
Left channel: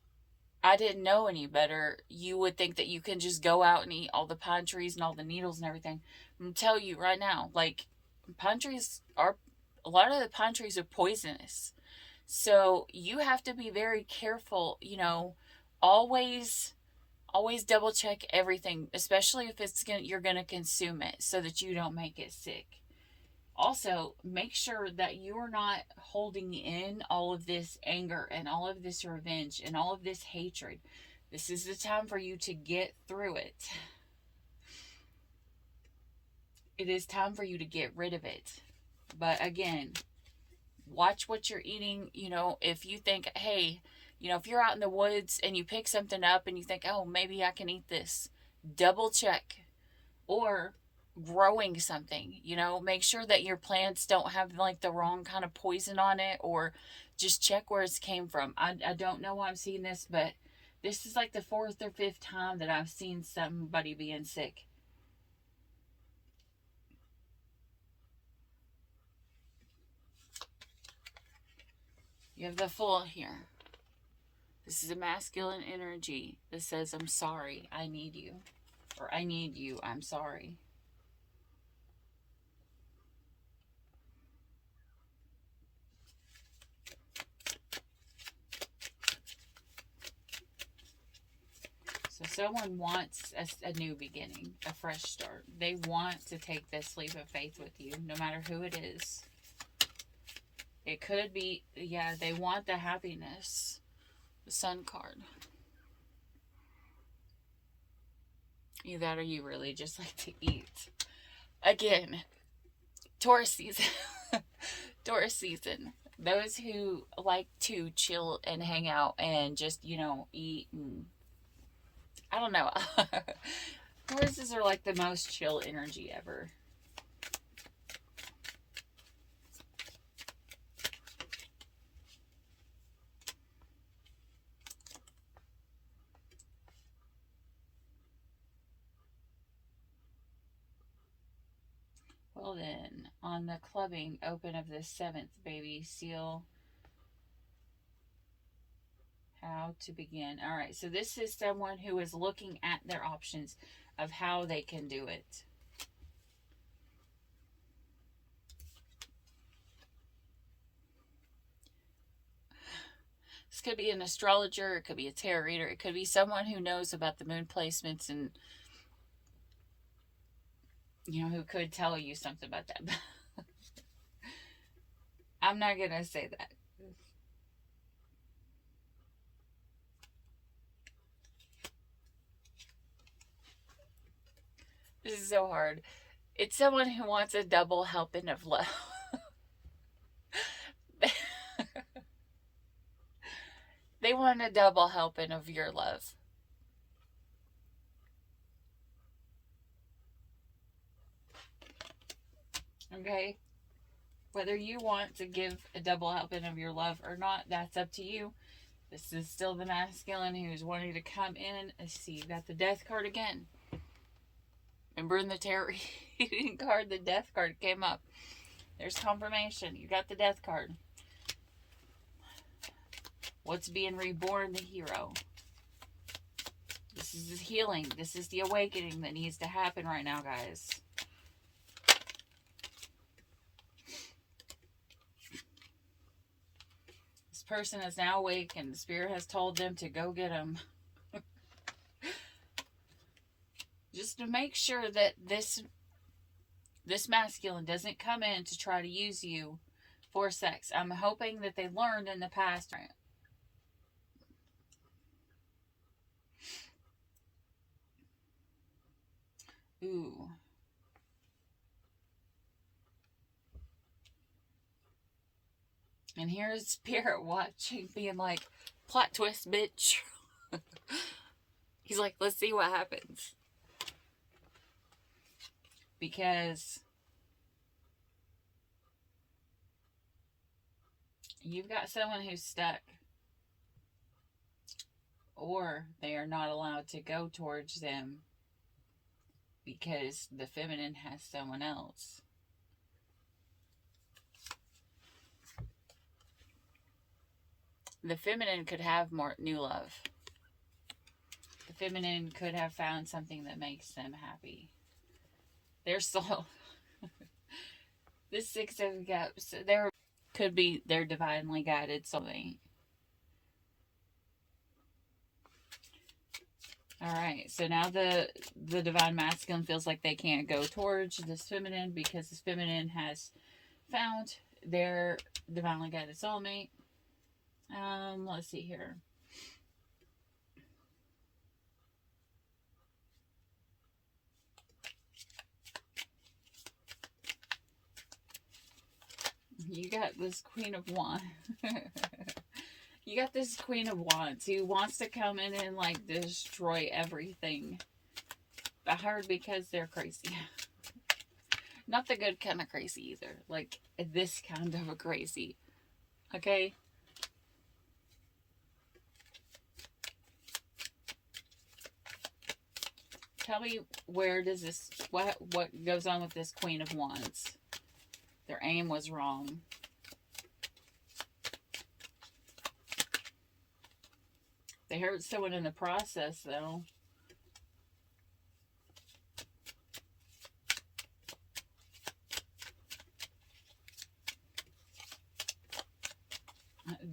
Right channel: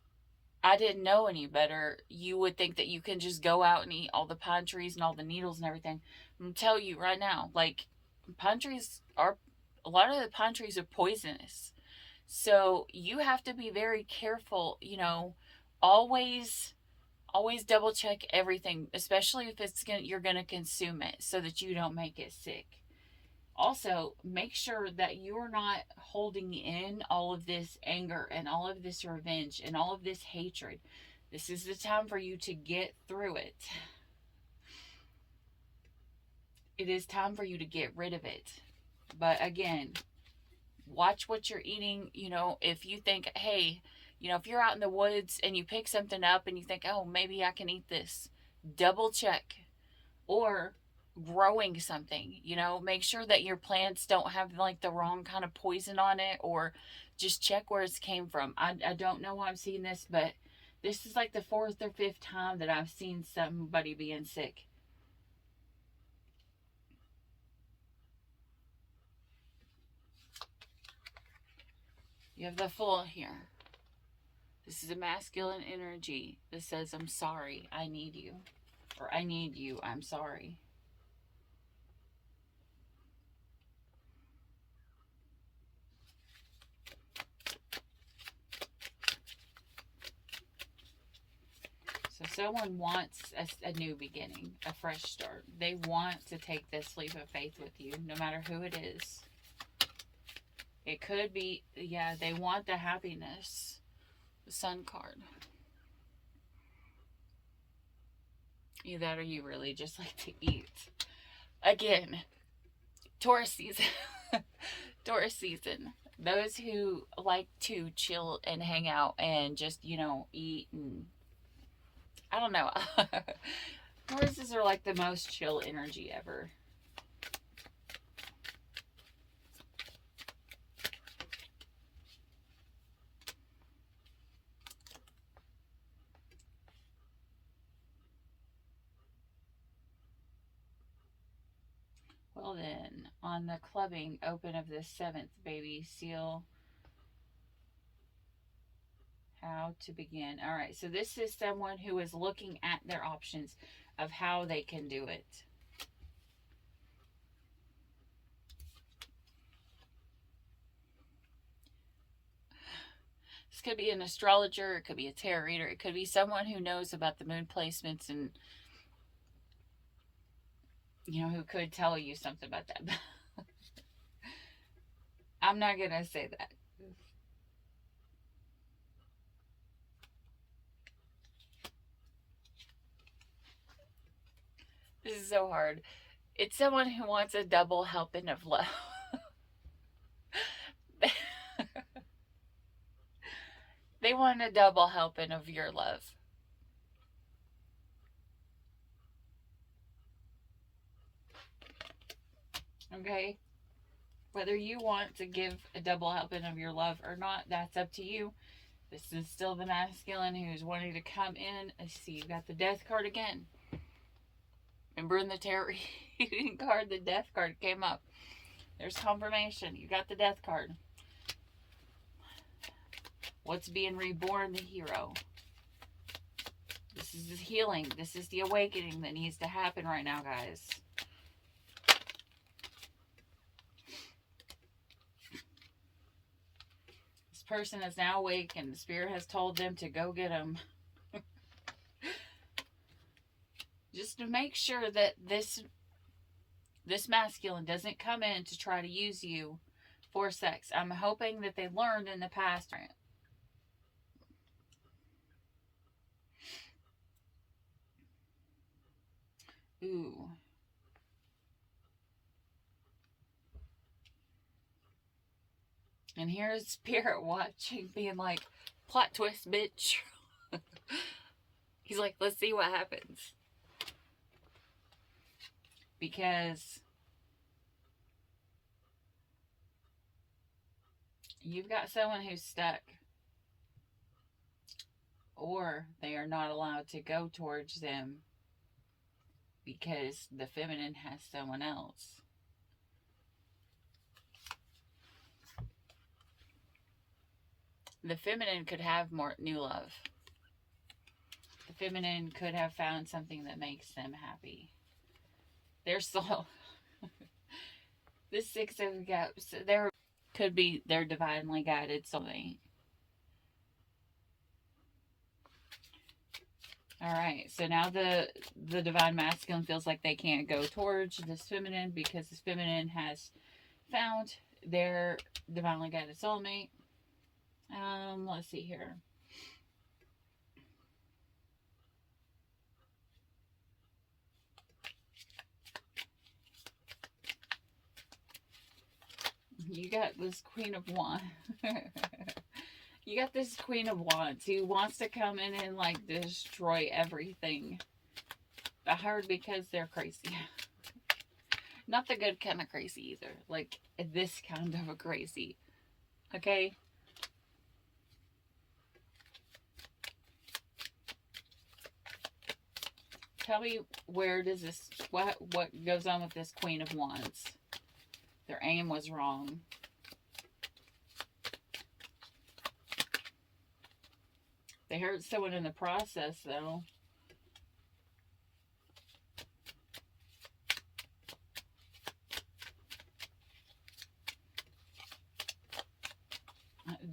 I didn't know any better, you would think that you can just go out and eat all the pine trees and all the needles and everything. I'm tell you right now, like, pine trees are, a lot of the pine trees are poisonous. So you have to be very careful, always always double check everything, especially if you're going to consume it so that you don't make it sick. Also, make sure that you're not holding in all of this anger and all of this revenge and all of this hatred. This is the time for you to get through it. It is time for you to get rid of it. But again, watch what you're eating. If you think, hey, if you're out in the woods and you pick something up and you think, oh, maybe I can eat this, double check. Or growing something, make sure that your plants don't have like the wrong kind of poison on it, or just check where it came from. I don't know why I'm seeing this, but this is like the 4th or 5th time that I've seen somebody being sick. You have the Fool here. This is a masculine energy that says, I'm sorry, I need you. Or I need you, I'm sorry. So someone wants a new beginning, a fresh start. They want to take this leap of faith with you, no matter who it is. It could be, they want the happiness. The Sun card. Either that or you really just like to eat. Again, Taurus season. Taurus season. Those who like to chill and hang out and just, eat and... I don't know. Tauruses are like the most chill energy ever. Well then, on the clubbing open of the 7th, baby, seal how to begin. All right, so this is someone who is looking at their options of how they can do it. This could be an astrologer, it could be a tarot reader, it could be someone who knows about the moon placements and, who could tell you something about that. I'm not going to say that. This is so hard. It's someone who wants a double helping of love. They want a double helping of your love. Okay? Whether you want to give a double helping of your love or not, that's up to you. This is still the masculine who's wanting to come in. Let's see, you got the Death card again. Remember in the tarot reading card, the Death card came up. There's confirmation. You got the Death card. What's being reborn? The Hero. This is the healing. This is the awakening that needs to happen right now, guys. This person is now awake and the Spirit has told them to go get them. Just to make sure that this masculine doesn't come in to try to use you for sex. I'm hoping that they learned in the past. Ooh. And here's Spirit watching, being like, plot twist, bitch. He's like, let's see what happens. Because you've got someone who's stuck. Or they are not allowed to go towards them because the feminine has someone else. The feminine could have more new love. The feminine could have found something that makes them happy. Their soul. The Six of Cups. There could be their divinely guided soulmate. Alright, so now the divine masculine feels like they can't go towards this feminine because this feminine has found their divinely guided soulmate. Let's see here. You got this Queen of Wands. You got this Queen of Wands who wants to come in and like destroy everything. I heard because they're crazy. Not the good kind of crazy either. Like this kind of a crazy. Okay? Tell me, where does this, what goes on with this Queen of Wands? Their aim was wrong. They hurt someone in the process, though.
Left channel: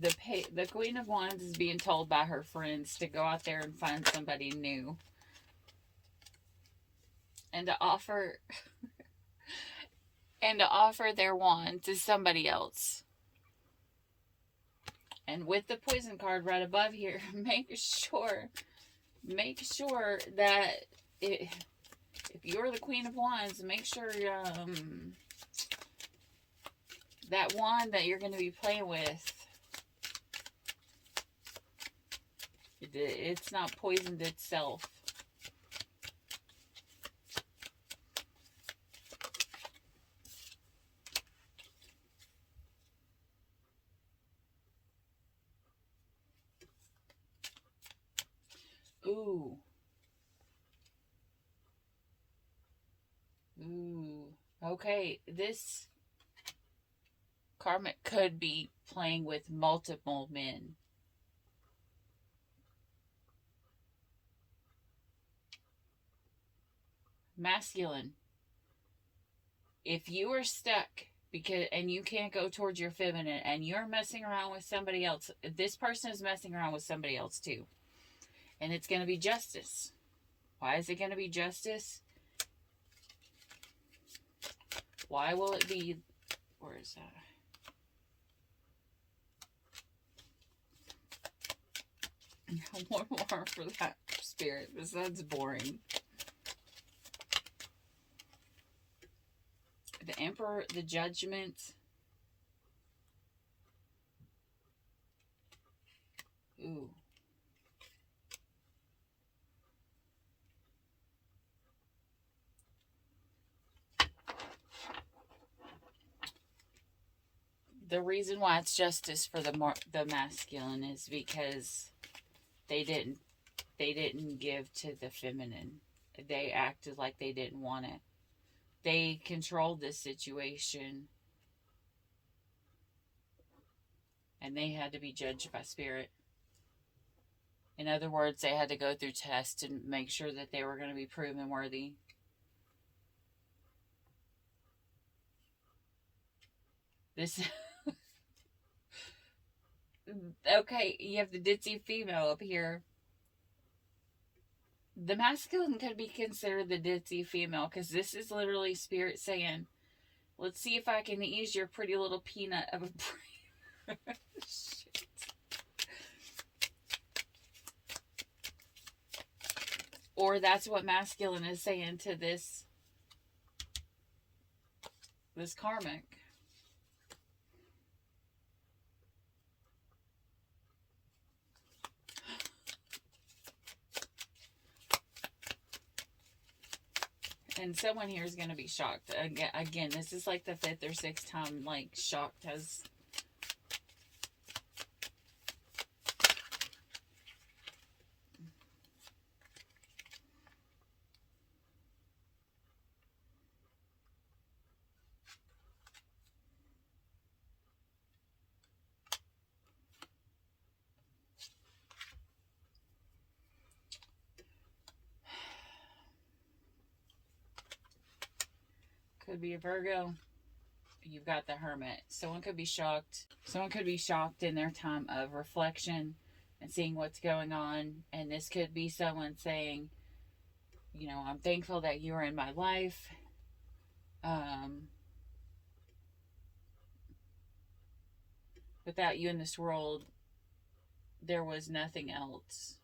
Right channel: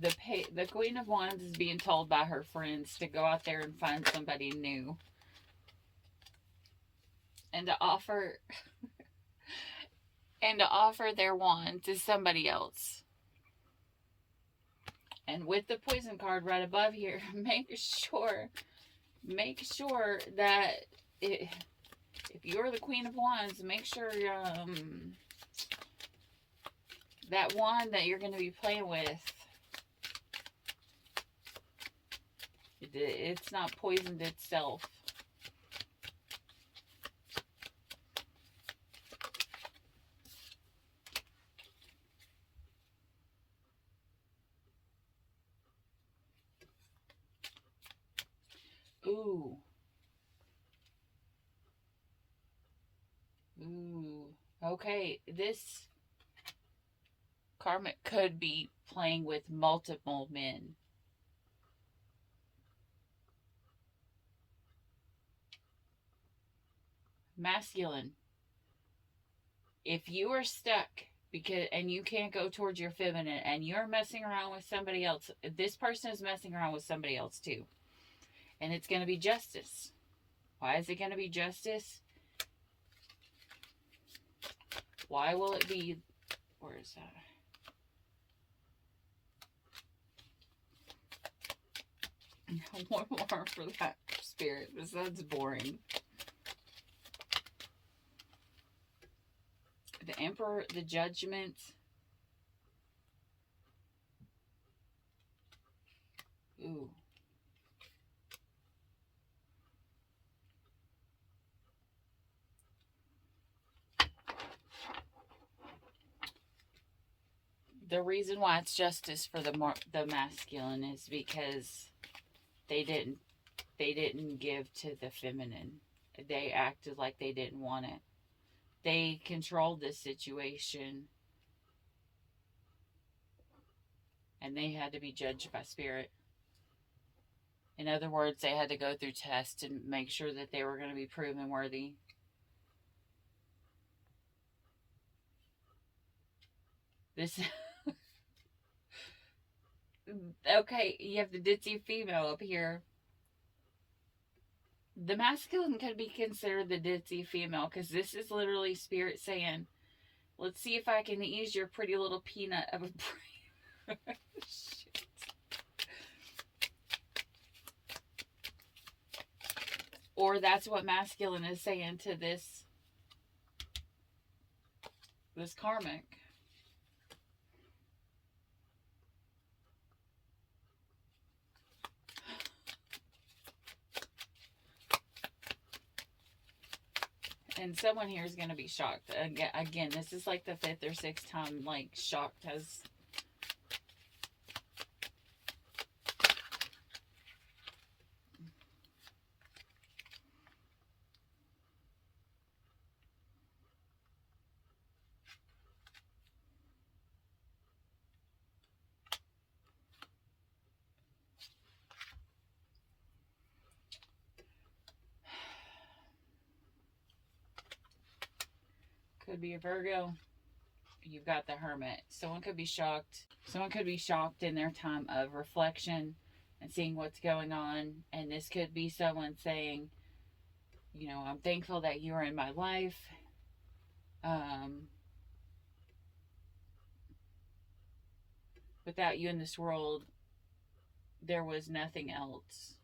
The Queen of Wands is being told by her friends to go out there and find somebody new. And to offer their wand to somebody else. And with the Poison card right above here, make sure that if you're the Queen of Wands, make sure that wand that you're going to be playing with, it's not poisoned itself. Ooh. Ooh. Okay, this karmic could be playing with multiple men. Masculine. If you are stuck and you can't go towards your feminine and you're messing around with somebody else, this person is messing around with somebody else too. And it's going to be justice. Why is it going to be justice? Why will it be... Where is that? One more for that, Spirit. That's boring. The Emperor, the Judgment. Ooh. The reason why it's justice for the masculine is because they didn't give to the feminine. They acted like they didn't want it. They controlled this situation, and they had to be judged by Spirit. In other words, they had to go through tests and make sure that they were going to be proven worthy. This... Okay, you have the ditzy female up here. The masculine could be considered the ditzy female, because this is literally Spirit saying, let's see if I can ease your pretty little peanut of a brain. Shit. Or that's what masculine is saying to this karmic. And someone here is going to be shocked. Again, this is like the 5th or 6th time, like, shocked has... Could be a Virgo. You've got the Hermit. Someone could be shocked. Someone could be shocked in their time of reflection and seeing what's going on. And this could be someone saying, you know, I'm thankful that you are in my life. Without you in this world, there was nothing else.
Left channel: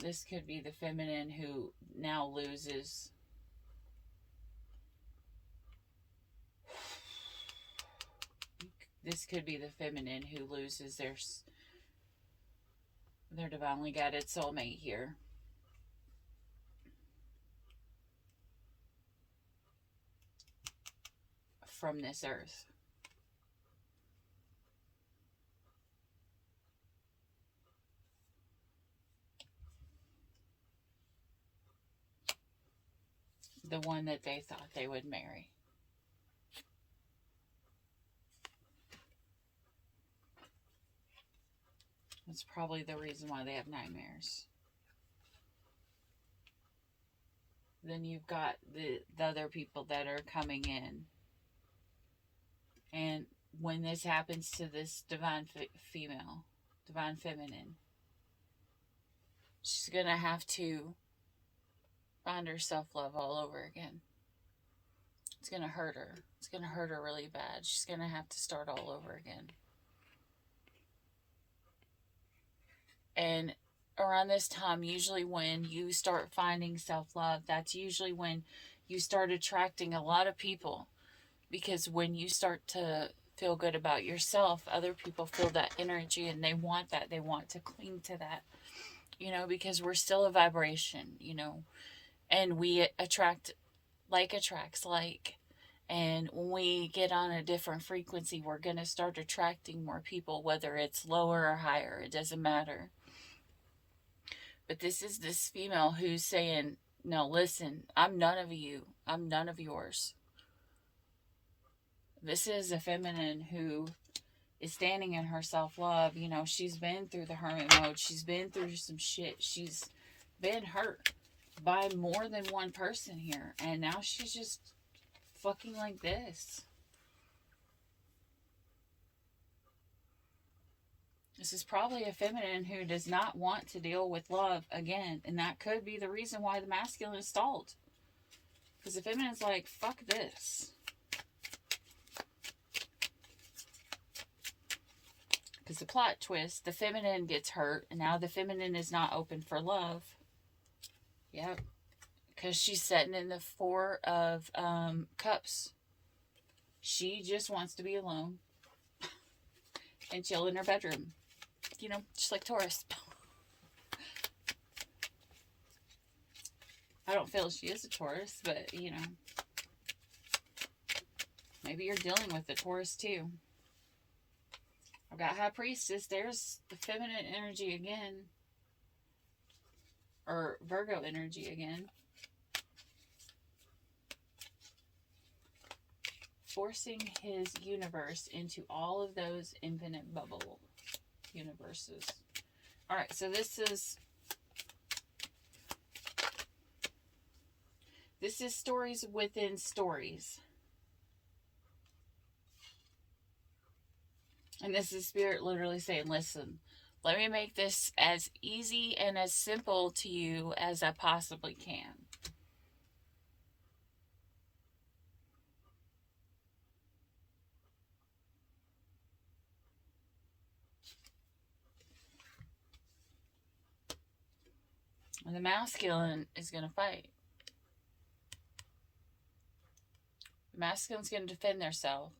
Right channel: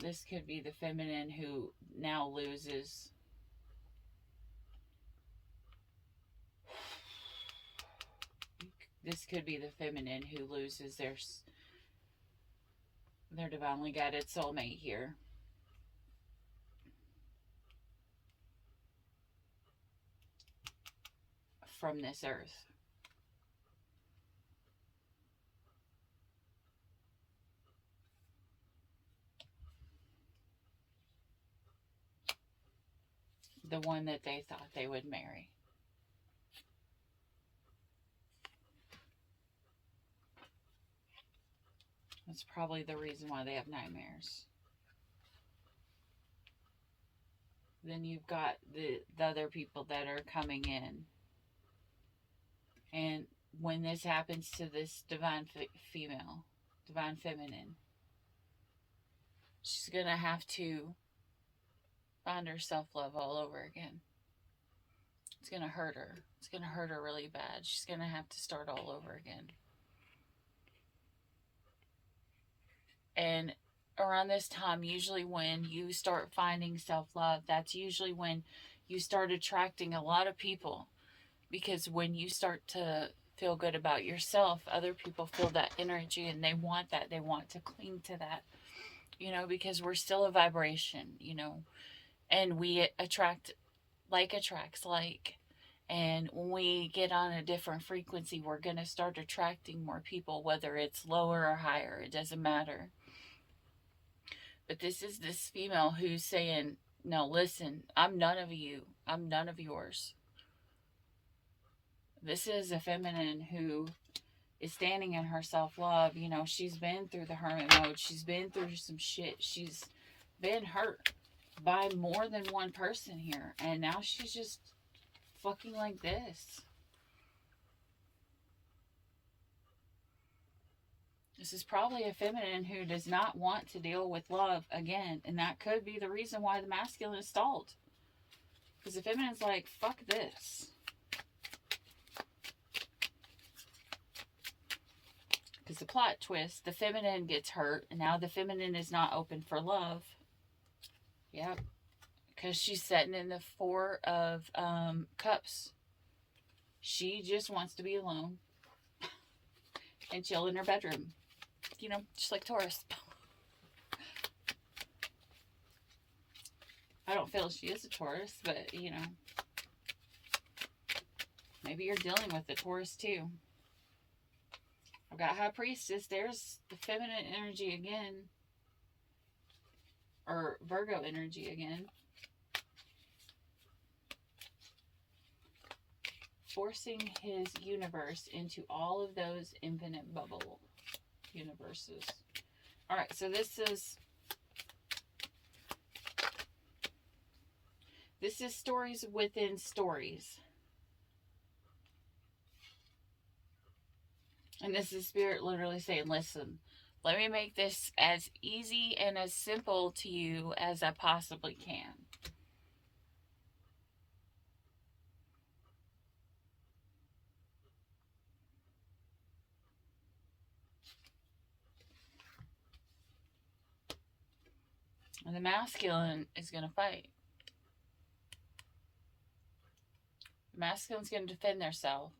This could be the feminine who now loses. This could be the feminine who loses their divinely guided soulmate here. From this earth. The one that they thought they would marry. That's probably the reason why they have nightmares. Then you've got the other people that are coming in. And when this happens to this divine female, divine feminine, she's going to have to find her self-love all over again. It's going to hurt her. It's going to hurt her really bad. She's going to have to start all over again. And around this time, usually when you start finding self-love, that's usually when you start attracting a lot of people. Because when you start to feel good about yourself, other people feel that energy and they want that. They want to cling to that. You know, because we're still a vibration, you know. And we attract, like attracts like. And when we get on a different frequency, we're going to start attracting more people, whether it's lower or higher. It doesn't matter. But this is this female who's saying, no, listen, I'm none of you. I'm none of yours. This is a feminine who is standing in her self-love. You know, she's been through the hermit mode. She's been through some shit. She's been hurt by more than one person here. And now she's just fucking like this. This is probably a feminine who does not want to deal with love again. And that could be the reason why the masculine is stalled. Because the feminine's like, fuck this. Because the plot twist, the feminine gets hurt. And now the feminine is not open for love. Yep. Because she's sitting in the Four of Cups. She just wants to be alone. And chill in her bedroom. You know, just like Taurus. I don't feel she is a Taurus, but, you know. Maybe you're dealing with a Taurus, too. I've got High Priestess. There's the feminine energy again. Or Virgo energy again. Forcing his universe into all of those infinite bubble universes. Alright, so this is stories within stories. And this is Spirit literally saying, listen, let me make this as easy and as simple to you as I possibly can. And the masculine is going to fight. The masculine's going to defend themselves.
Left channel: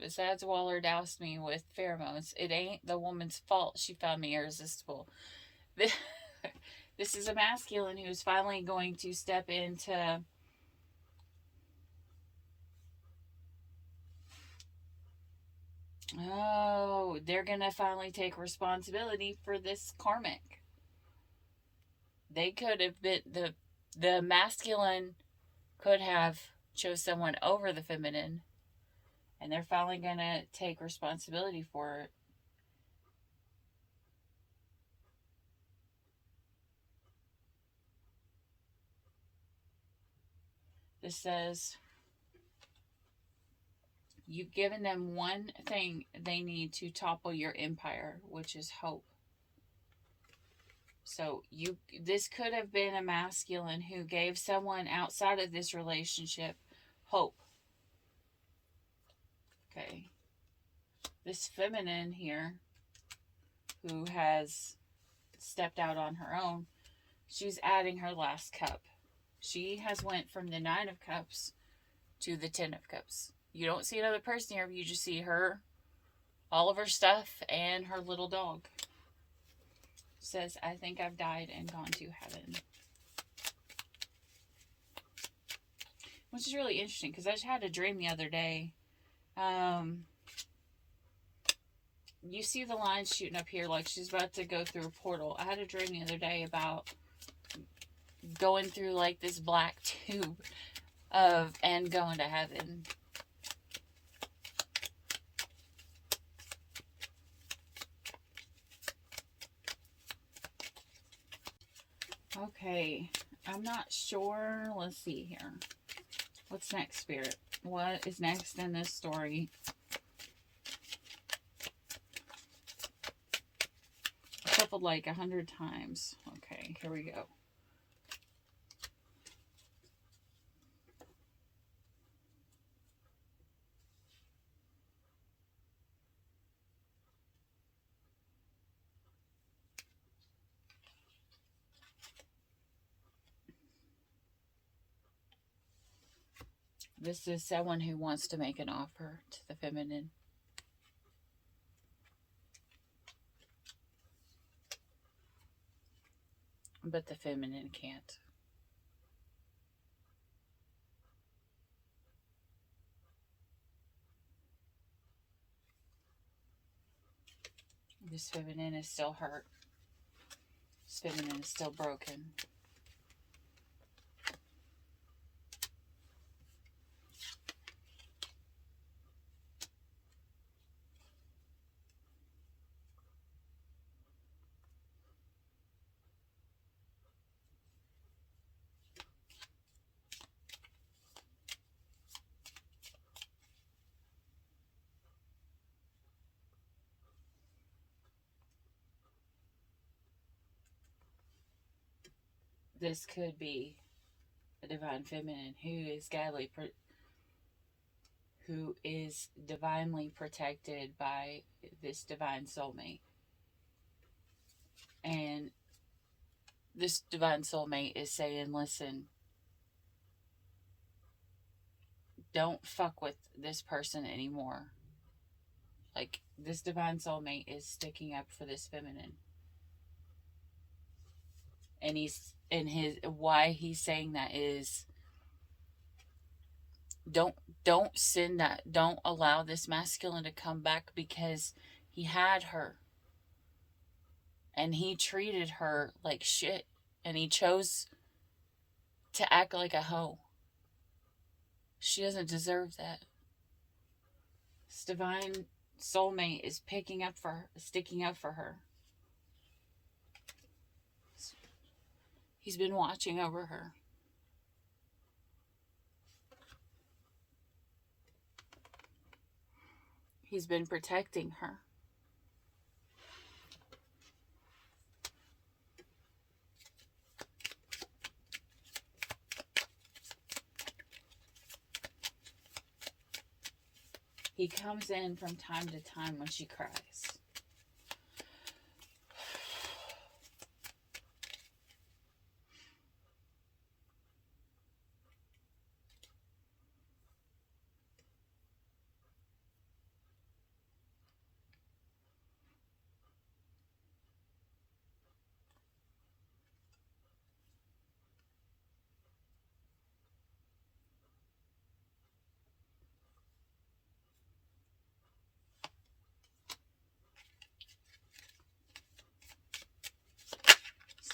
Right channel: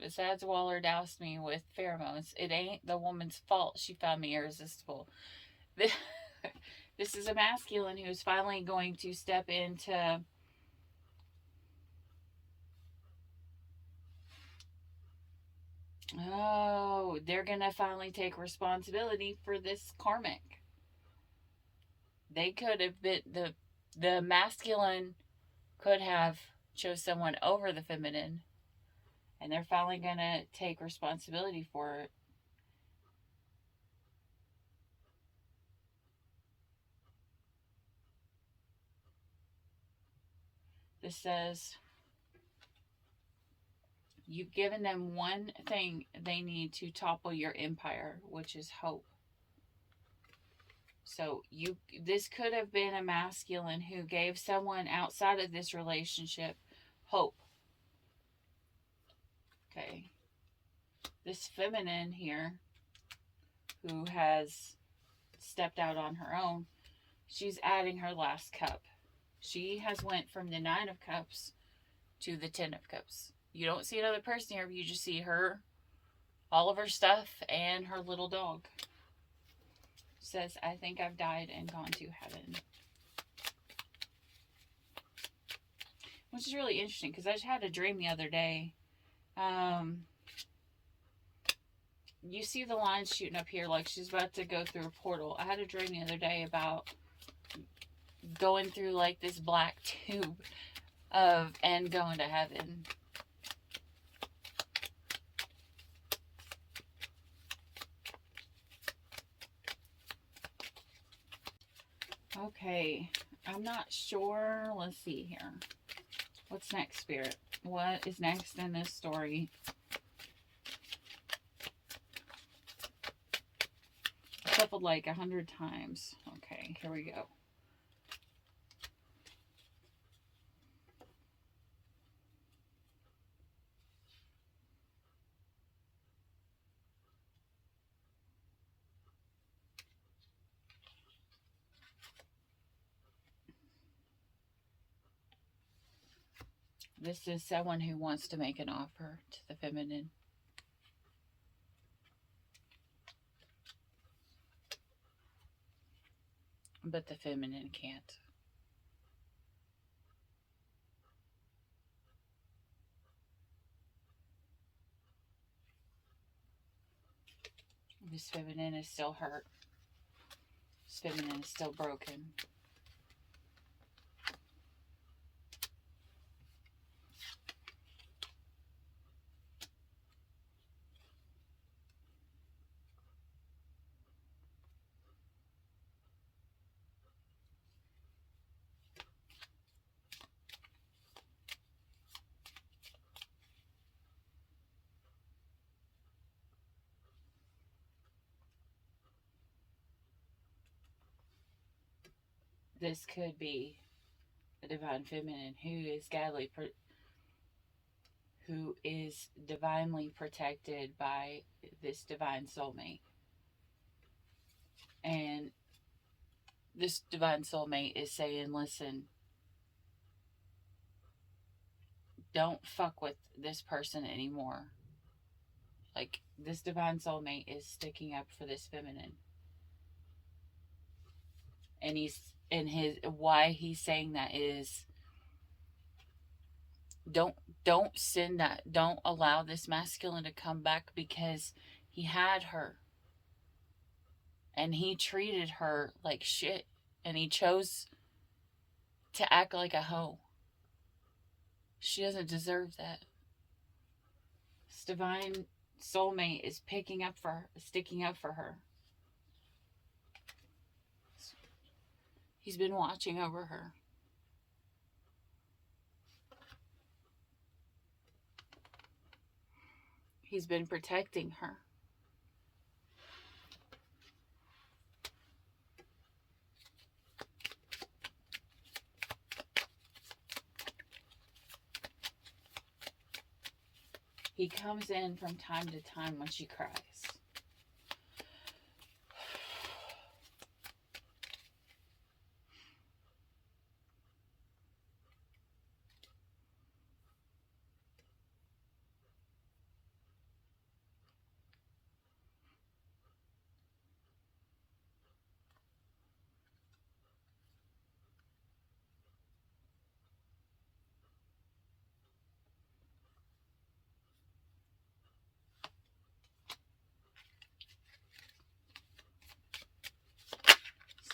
Besides Waller doused me with pheromones, it ain't the woman's fault she found me irresistible. This is a masculine who's finally going to step into they're going to finally take responsibility for this karmic. They could have been, the masculine could have chose someone over the feminine. And they're finally going to take responsibility for it. This says, you've given them one thing they need to topple your empire, which is hope. So this could have been a masculine who gave someone outside of this relationship hope. Okay. This feminine here who has stepped out on her own, she's adding her last cup. She has went from the 9 of Cups to the 10 of Cups. You don't see another person here, but you just see her, all of her stuff, and her little dog. Says, I think I've died and gone to heaven. Which is really interesting, because I just had a dream the other day. You see the line shooting up here like she's about to go through a portal. I had a dream the other day about going through like this black tube and going to heaven. Okay, I'm not sure. Let's see here. What's next, Spirit? What is next in this story? Shuffled like 100 times. Okay, here we go. This is someone who wants to make an offer to the feminine. But the feminine can't. This feminine is still hurt. This feminine is still broken. This could be a divine feminine who is divinely protected by this divine soulmate. And this divine soulmate is saying, listen, don't fuck with this person anymore. Like, this divine soulmate is sticking up for this feminine. And why he's saying that is, don't send that, don't allow this masculine to come back, because he had her. And he treated her like shit. And he chose to act like a hoe. She doesn't deserve that. This divine soulmate is sticking up for her. He's been watching over her. He's been protecting her. He comes in from time to time when she cries.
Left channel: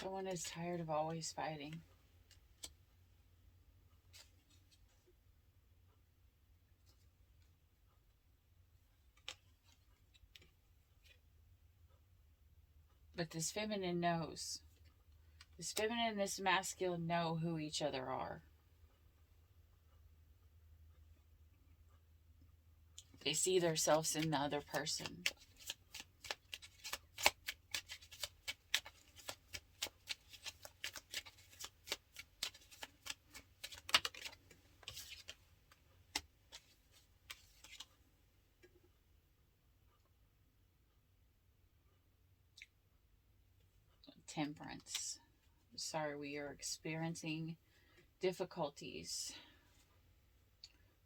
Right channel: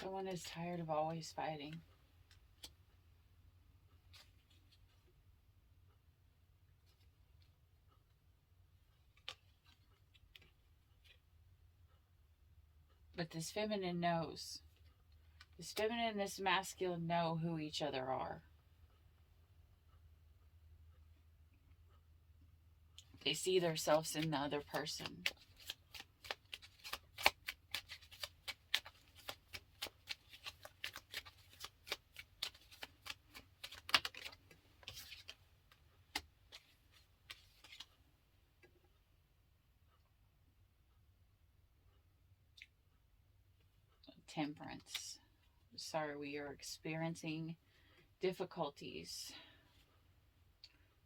Someone is tired of always fighting. But this feminine knows. This feminine and this masculine know who each other are. They see themselves in the other person. Temperance. Sorry, we are experiencing difficulties.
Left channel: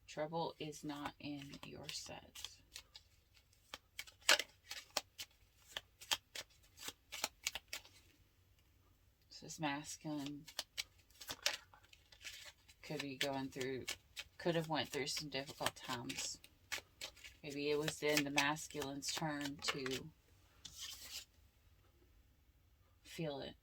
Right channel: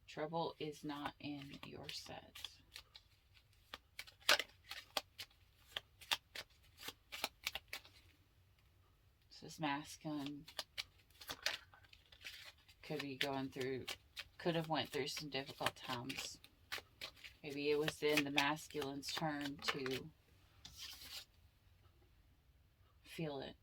Trouble is not in your set. This is masculine. Could be going through, could have went through some difficult times. Maybe it was then the masculine's turn to feel it.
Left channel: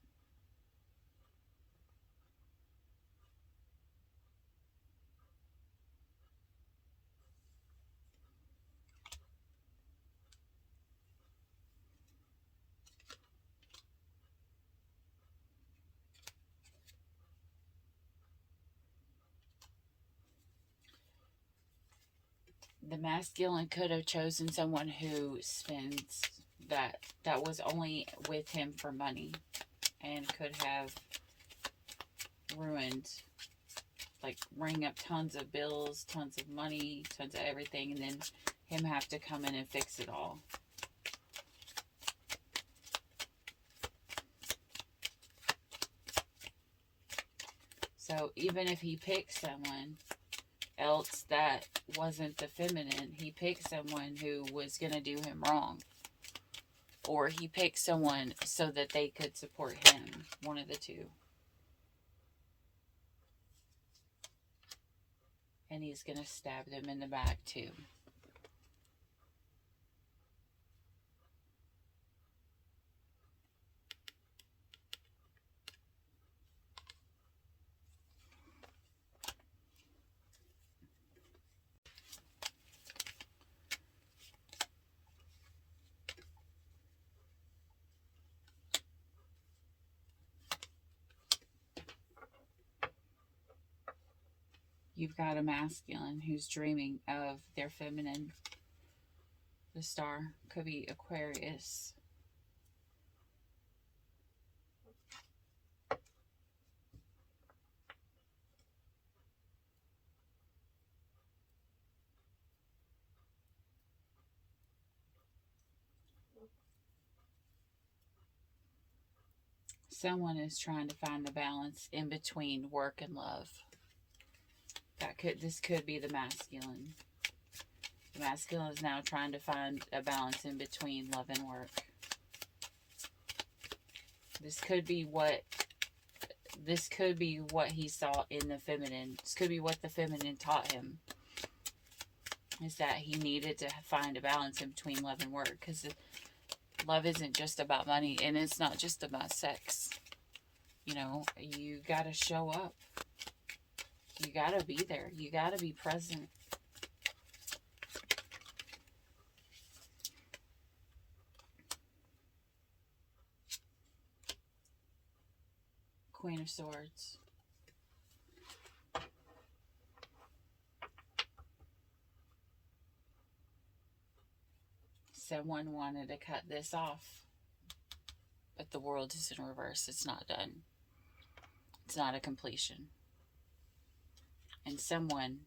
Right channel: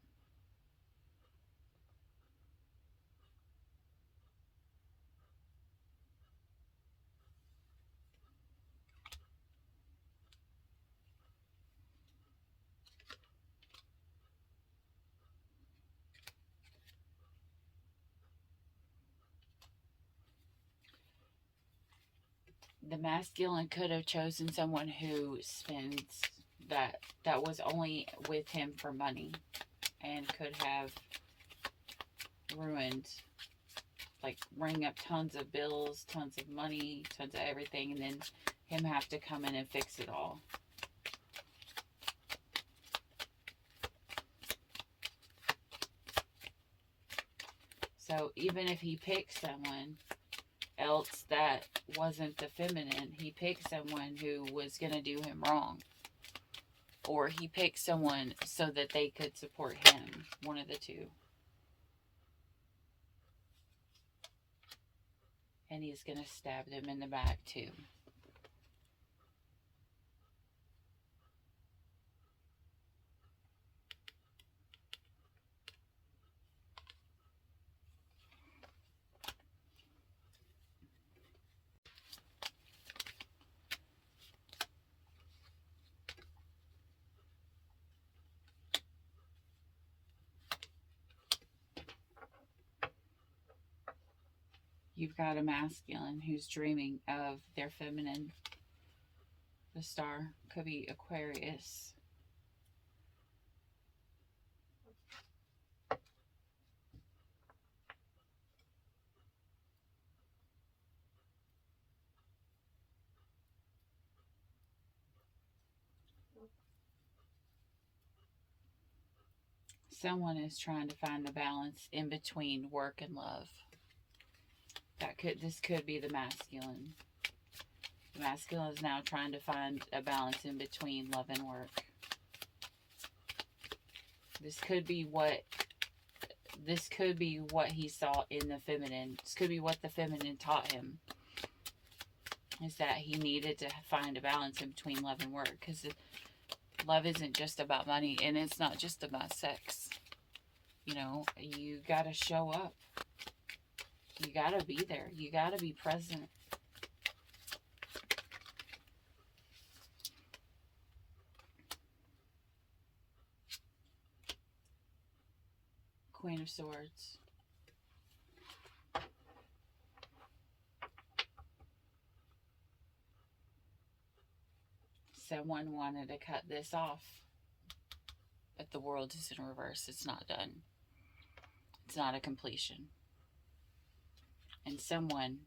The masculine could have chosen someone who spends that was only with him for money, and could have ruined, like, ring up tons of bills, tons of money, tons of everything, and then him have to come in and fix it all. So even if he picked someone else that wasn't the feminine, he picked someone who was going to do him wrong. Or he picked someone so that they could support him. One of the two. And he's going to stab them in the back too. You've got a masculine who's dreaming of their feminine. The star could be Aquarius. Someone is trying to find the balance in between work and love. This could be the masculine. The masculine is now trying to find a balance in between love and work. This could be what he saw in the feminine. This could be what the feminine taught him. Is that he needed to find a balance in between love and work. Because love isn't just about money, and it's not just about sex. You know, you gotta show up. You gotta be there. You gotta be present. Queen of Swords. Someone wanted to cut this off, but the world is in reverse. It's not done. It's not a completion. And someone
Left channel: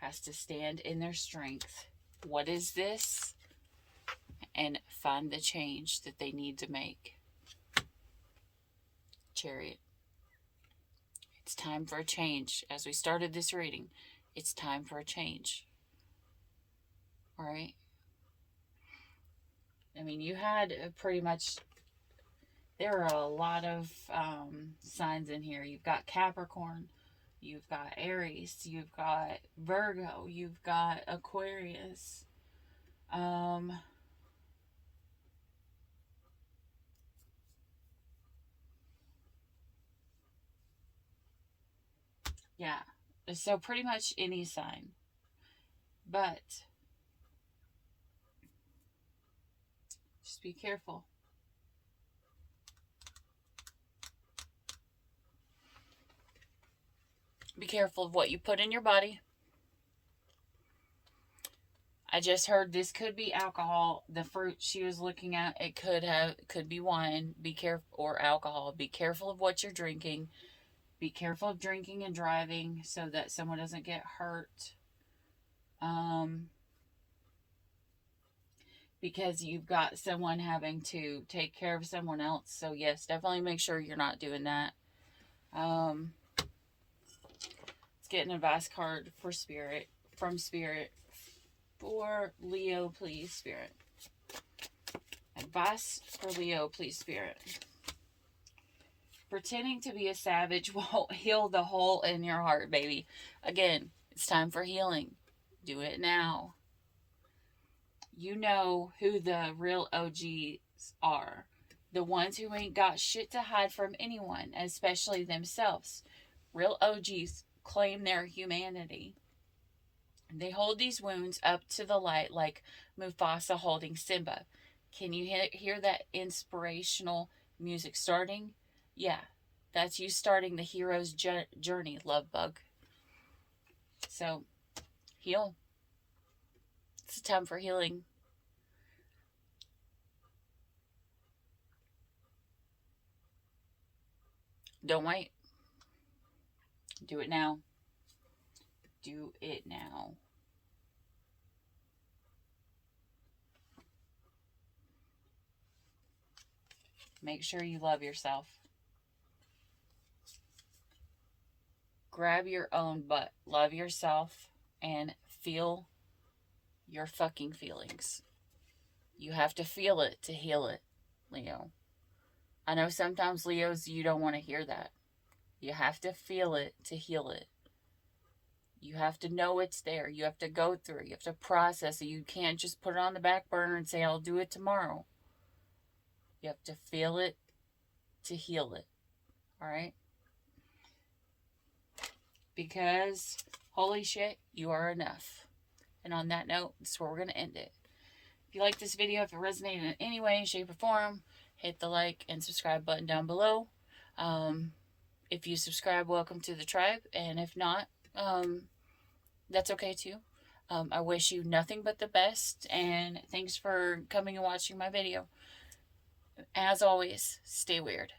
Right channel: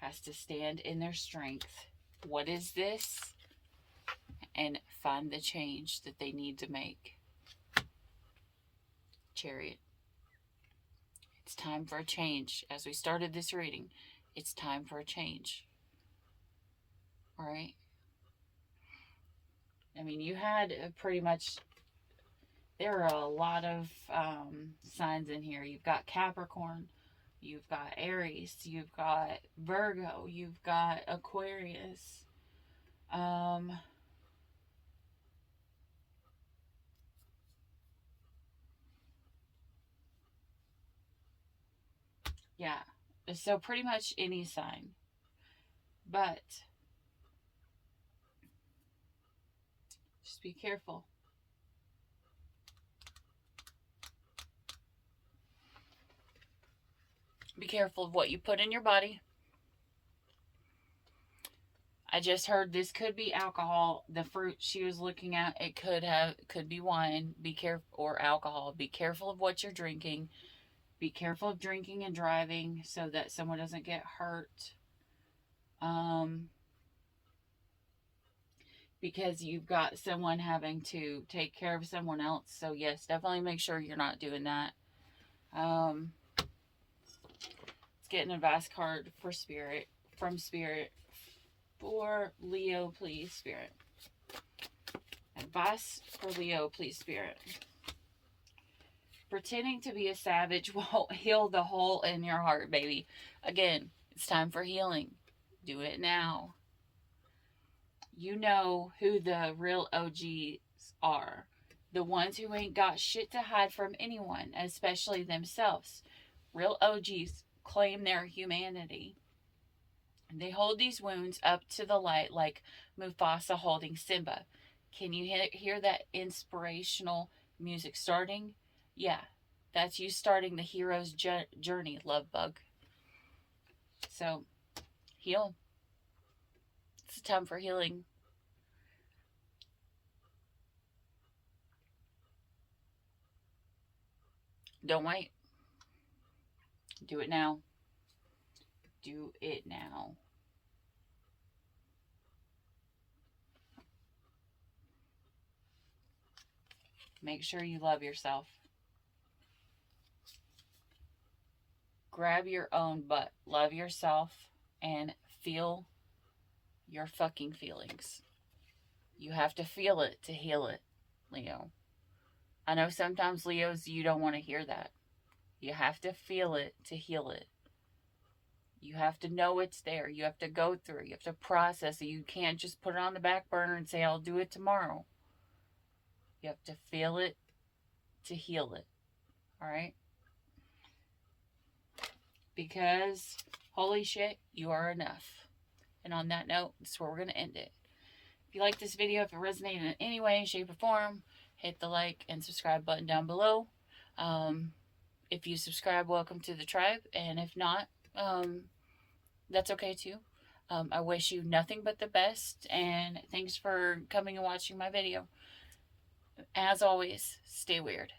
has to stand in their strength. What is this? And find the change that they need to make. Chariot. It's time for a change. As we started this reading, it's time for a change. All right? I mean, you had pretty much, there are a lot of signs in here. You've got Capricorn, you've got Aries, you've got Virgo, you've got Aquarius. Yeah, so pretty much any sign. But just be careful. Be careful of what you put in your body. I just heard this could be alcohol. The fruit she was looking at, it could be wine. Be careful, or alcohol. Be careful of what you're drinking. Be careful of drinking and driving so that someone doesn't get hurt. Because you've got someone having to take care of someone else. So yes, definitely make sure you're not doing that. Let's get an advice card for Spirit, from Spirit, for Leo, please, Spirit. Advice for Leo, please, Spirit. Pretending to be a savage won't heal the hole in your heart, baby. Again, it's time for healing. Do it now. You know who the real OGs are. The ones who ain't got shit to hide from anyone, especially themselves. Real OGs claim their humanity. They hold these wounds up to the light like Mufasa holding Simba. Can you hear that inspirational music starting? Yeah, that's you starting the hero's journey, love bug. So, heal. It's time for healing. Don't wait. Do it now. Do it now. Make sure you love yourself. Grab your own butt. Love yourself and feel your fucking feelings. You have to feel it to heal it, Leo. I know sometimes, Leos, you don't want to hear that. You have to feel it to heal it. You have to know it's there. You have to go through it. You have to process it. You can't just put it on the back burner and say, I'll do it tomorrow. You have to feel it to heal it. All right? Because, holy shit, you are enough. And on that note, that's where we're going to end it. If you like this video, if it resonated in any way, shape, or form, hit the like and subscribe button down below. If you subscribe, welcome to the tribe. And if not, that's okay too. I wish you nothing but the best. And thanks for coming and watching my video. As always, stay weird.